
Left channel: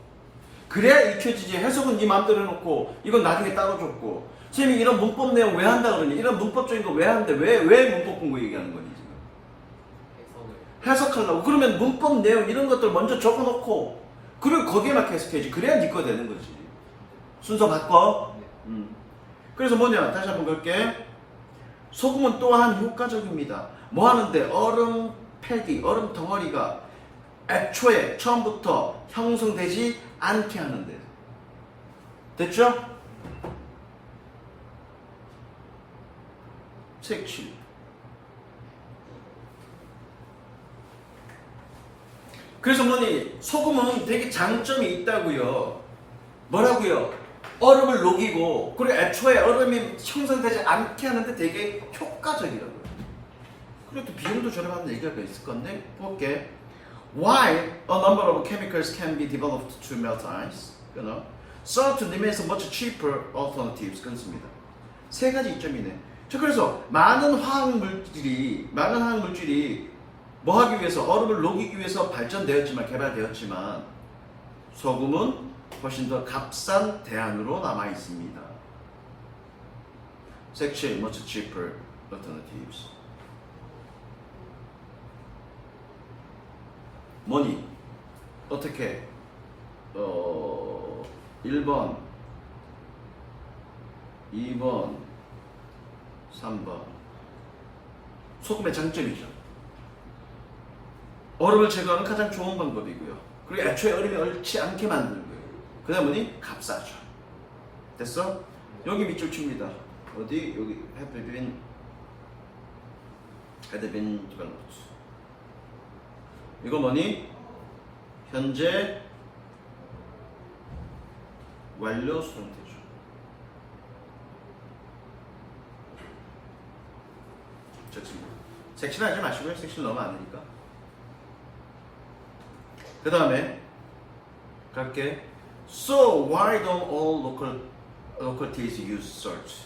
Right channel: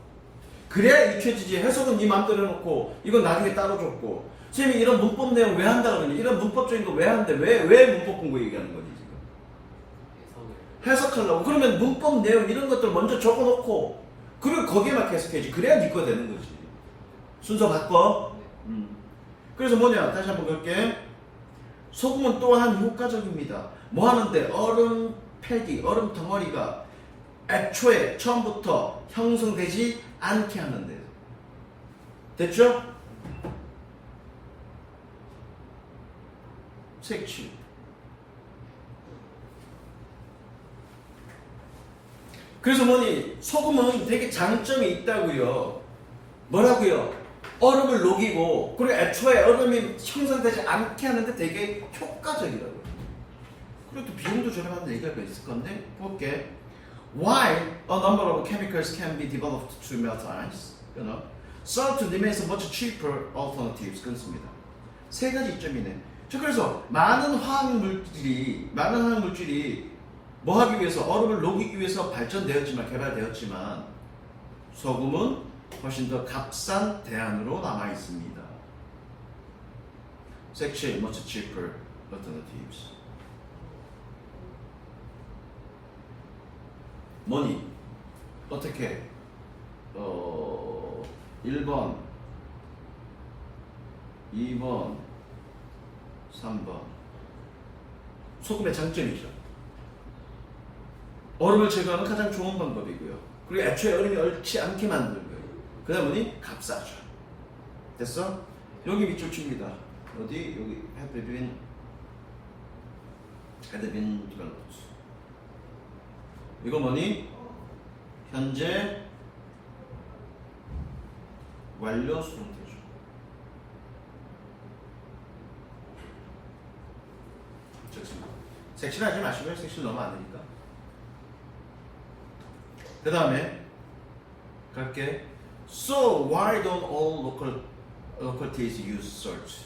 그래야 익혀지지. 해석은 네 마음대로 해놓고 이건 나중에 따로 줬고. 선생님이 이런 문법 내용 왜 한다 그러니? 이런 문법적인 거 왜 하는데 왜 문법 공부 얘기하는 거니 지금? 해석하려고. 그러면 문법 내용 이런 것들 먼저 적어놓고 그리고 거기에 맞게 해석해야지. 그래야 네 거 되는 거지. 순서 바꿔. 그래서 뭐냐? 다시 한번 볼게. 소금은 또한 효과적입니다. 뭐 하는데? 얼음 패기, 얼음 덩어리가 애초에 처음부터 형성되지 않게 하는데. 됐죠? 색칠. 그래서 뭐니? 소금은 되게 장점이 있다고요. 뭐라고요? 얼음을 녹이고 그리고 애초에 얼음이 형성되지 않게 하는데 되게 효과적이라고요. 그리고 또 비용도 저렴한 얘기가 있을 건데 볼게. While a number of chemicals can be developed to melt ice, salt remains much cheaper alternatives. 그렇습니다. 세 가지 이점이네. 자, 그래서 많은 화학 물질이 뭐 하기 위해서 얼음을 녹이기 위해서 개발되었지만 소금은 훨씬 더 값싼 대안으로 남아 있습니다. 색칠 much cheaper alternatives. 뭐니? 어떻게? 1번, 2번, 3번. 소금의 장점이죠. 얼음을 제거하는 가장 좋은 방법이고요. 그리고 애초에 얼음이 얽지 않게 만드는 거예요. 그 다음 뭐니? 값싸죠. 됐어? 여기 밑줄 칩니다. 어디? 여기 have been had been developed. 이거 뭐니? 현재 완료 수동태죠. 좋습니다. 섹시를 하지 마시고요. 섹시를 너무 안 되니까. 그 다음에 갈게. So why don't all localities use salt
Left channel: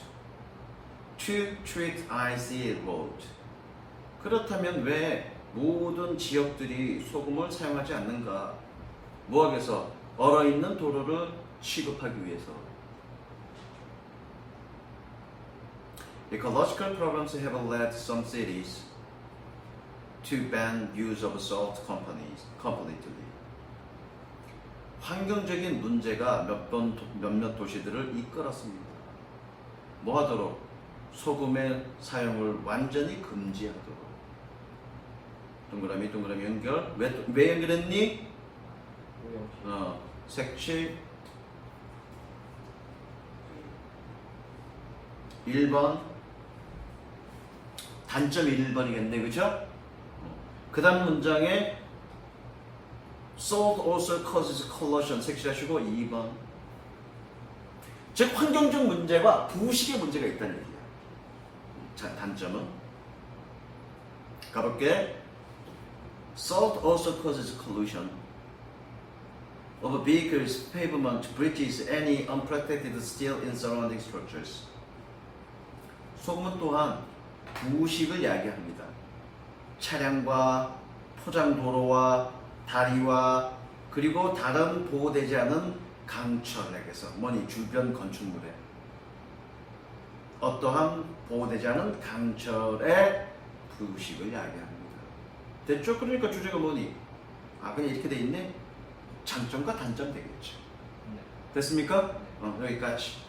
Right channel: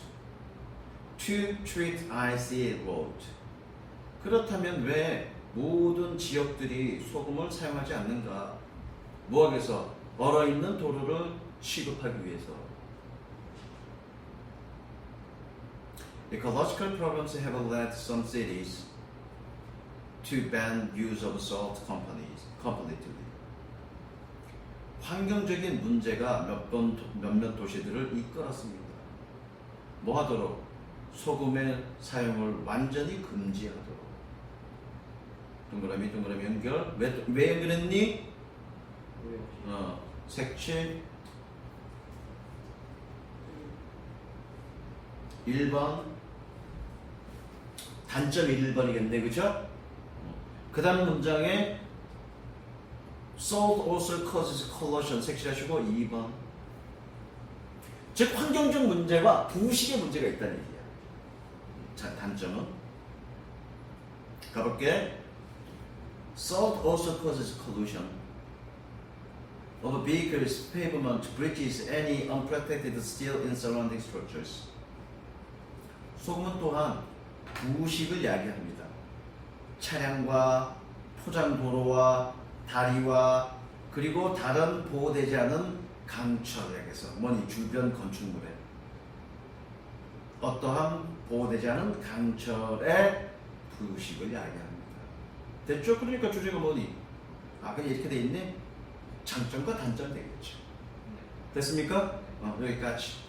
to treat icy road? 그렇다면 왜 모든 지역들이 소금을 사용하지 않는가? 뭐하기 위해서? 얼어있는 도로를 취급하기 위해서. Ecological problems have led some cities to ban use of salt completely. 환경적인 문제가 몇몇 도시들을 이끌었습니다. 뭐 하도록? 소금의 사용을 완전히 금지하도록. 동그라미 동그라미 연결. 왜 연결했니? 색칠 1번 단점이 1번이겠네, 그죠? 그 다음 문장에 Salt also causes corrosion 색칠하시고 2번. 즉 환경적 문제와 부식의 문제가 있다는 얘기야. 자, 단점은 가볼게. Salt also causes pollution of vehicles, pavement, bridges, any unprotected steel in surrounding structures. 소금은 또한 부식을 야기합니다. 차량과 포장도로와 다리와 그리고 다른 보호되지 않은 강철에게서 뭐니 주변 건축물에 어떠한 보호되지 않은 강철의 부식을 야기합니다. 됐죠? 그러니까 주제가 뭐니? 그냥 이렇게 돼 있네? 장점과 단점 되겠죠. 됐습니까? 여기까지.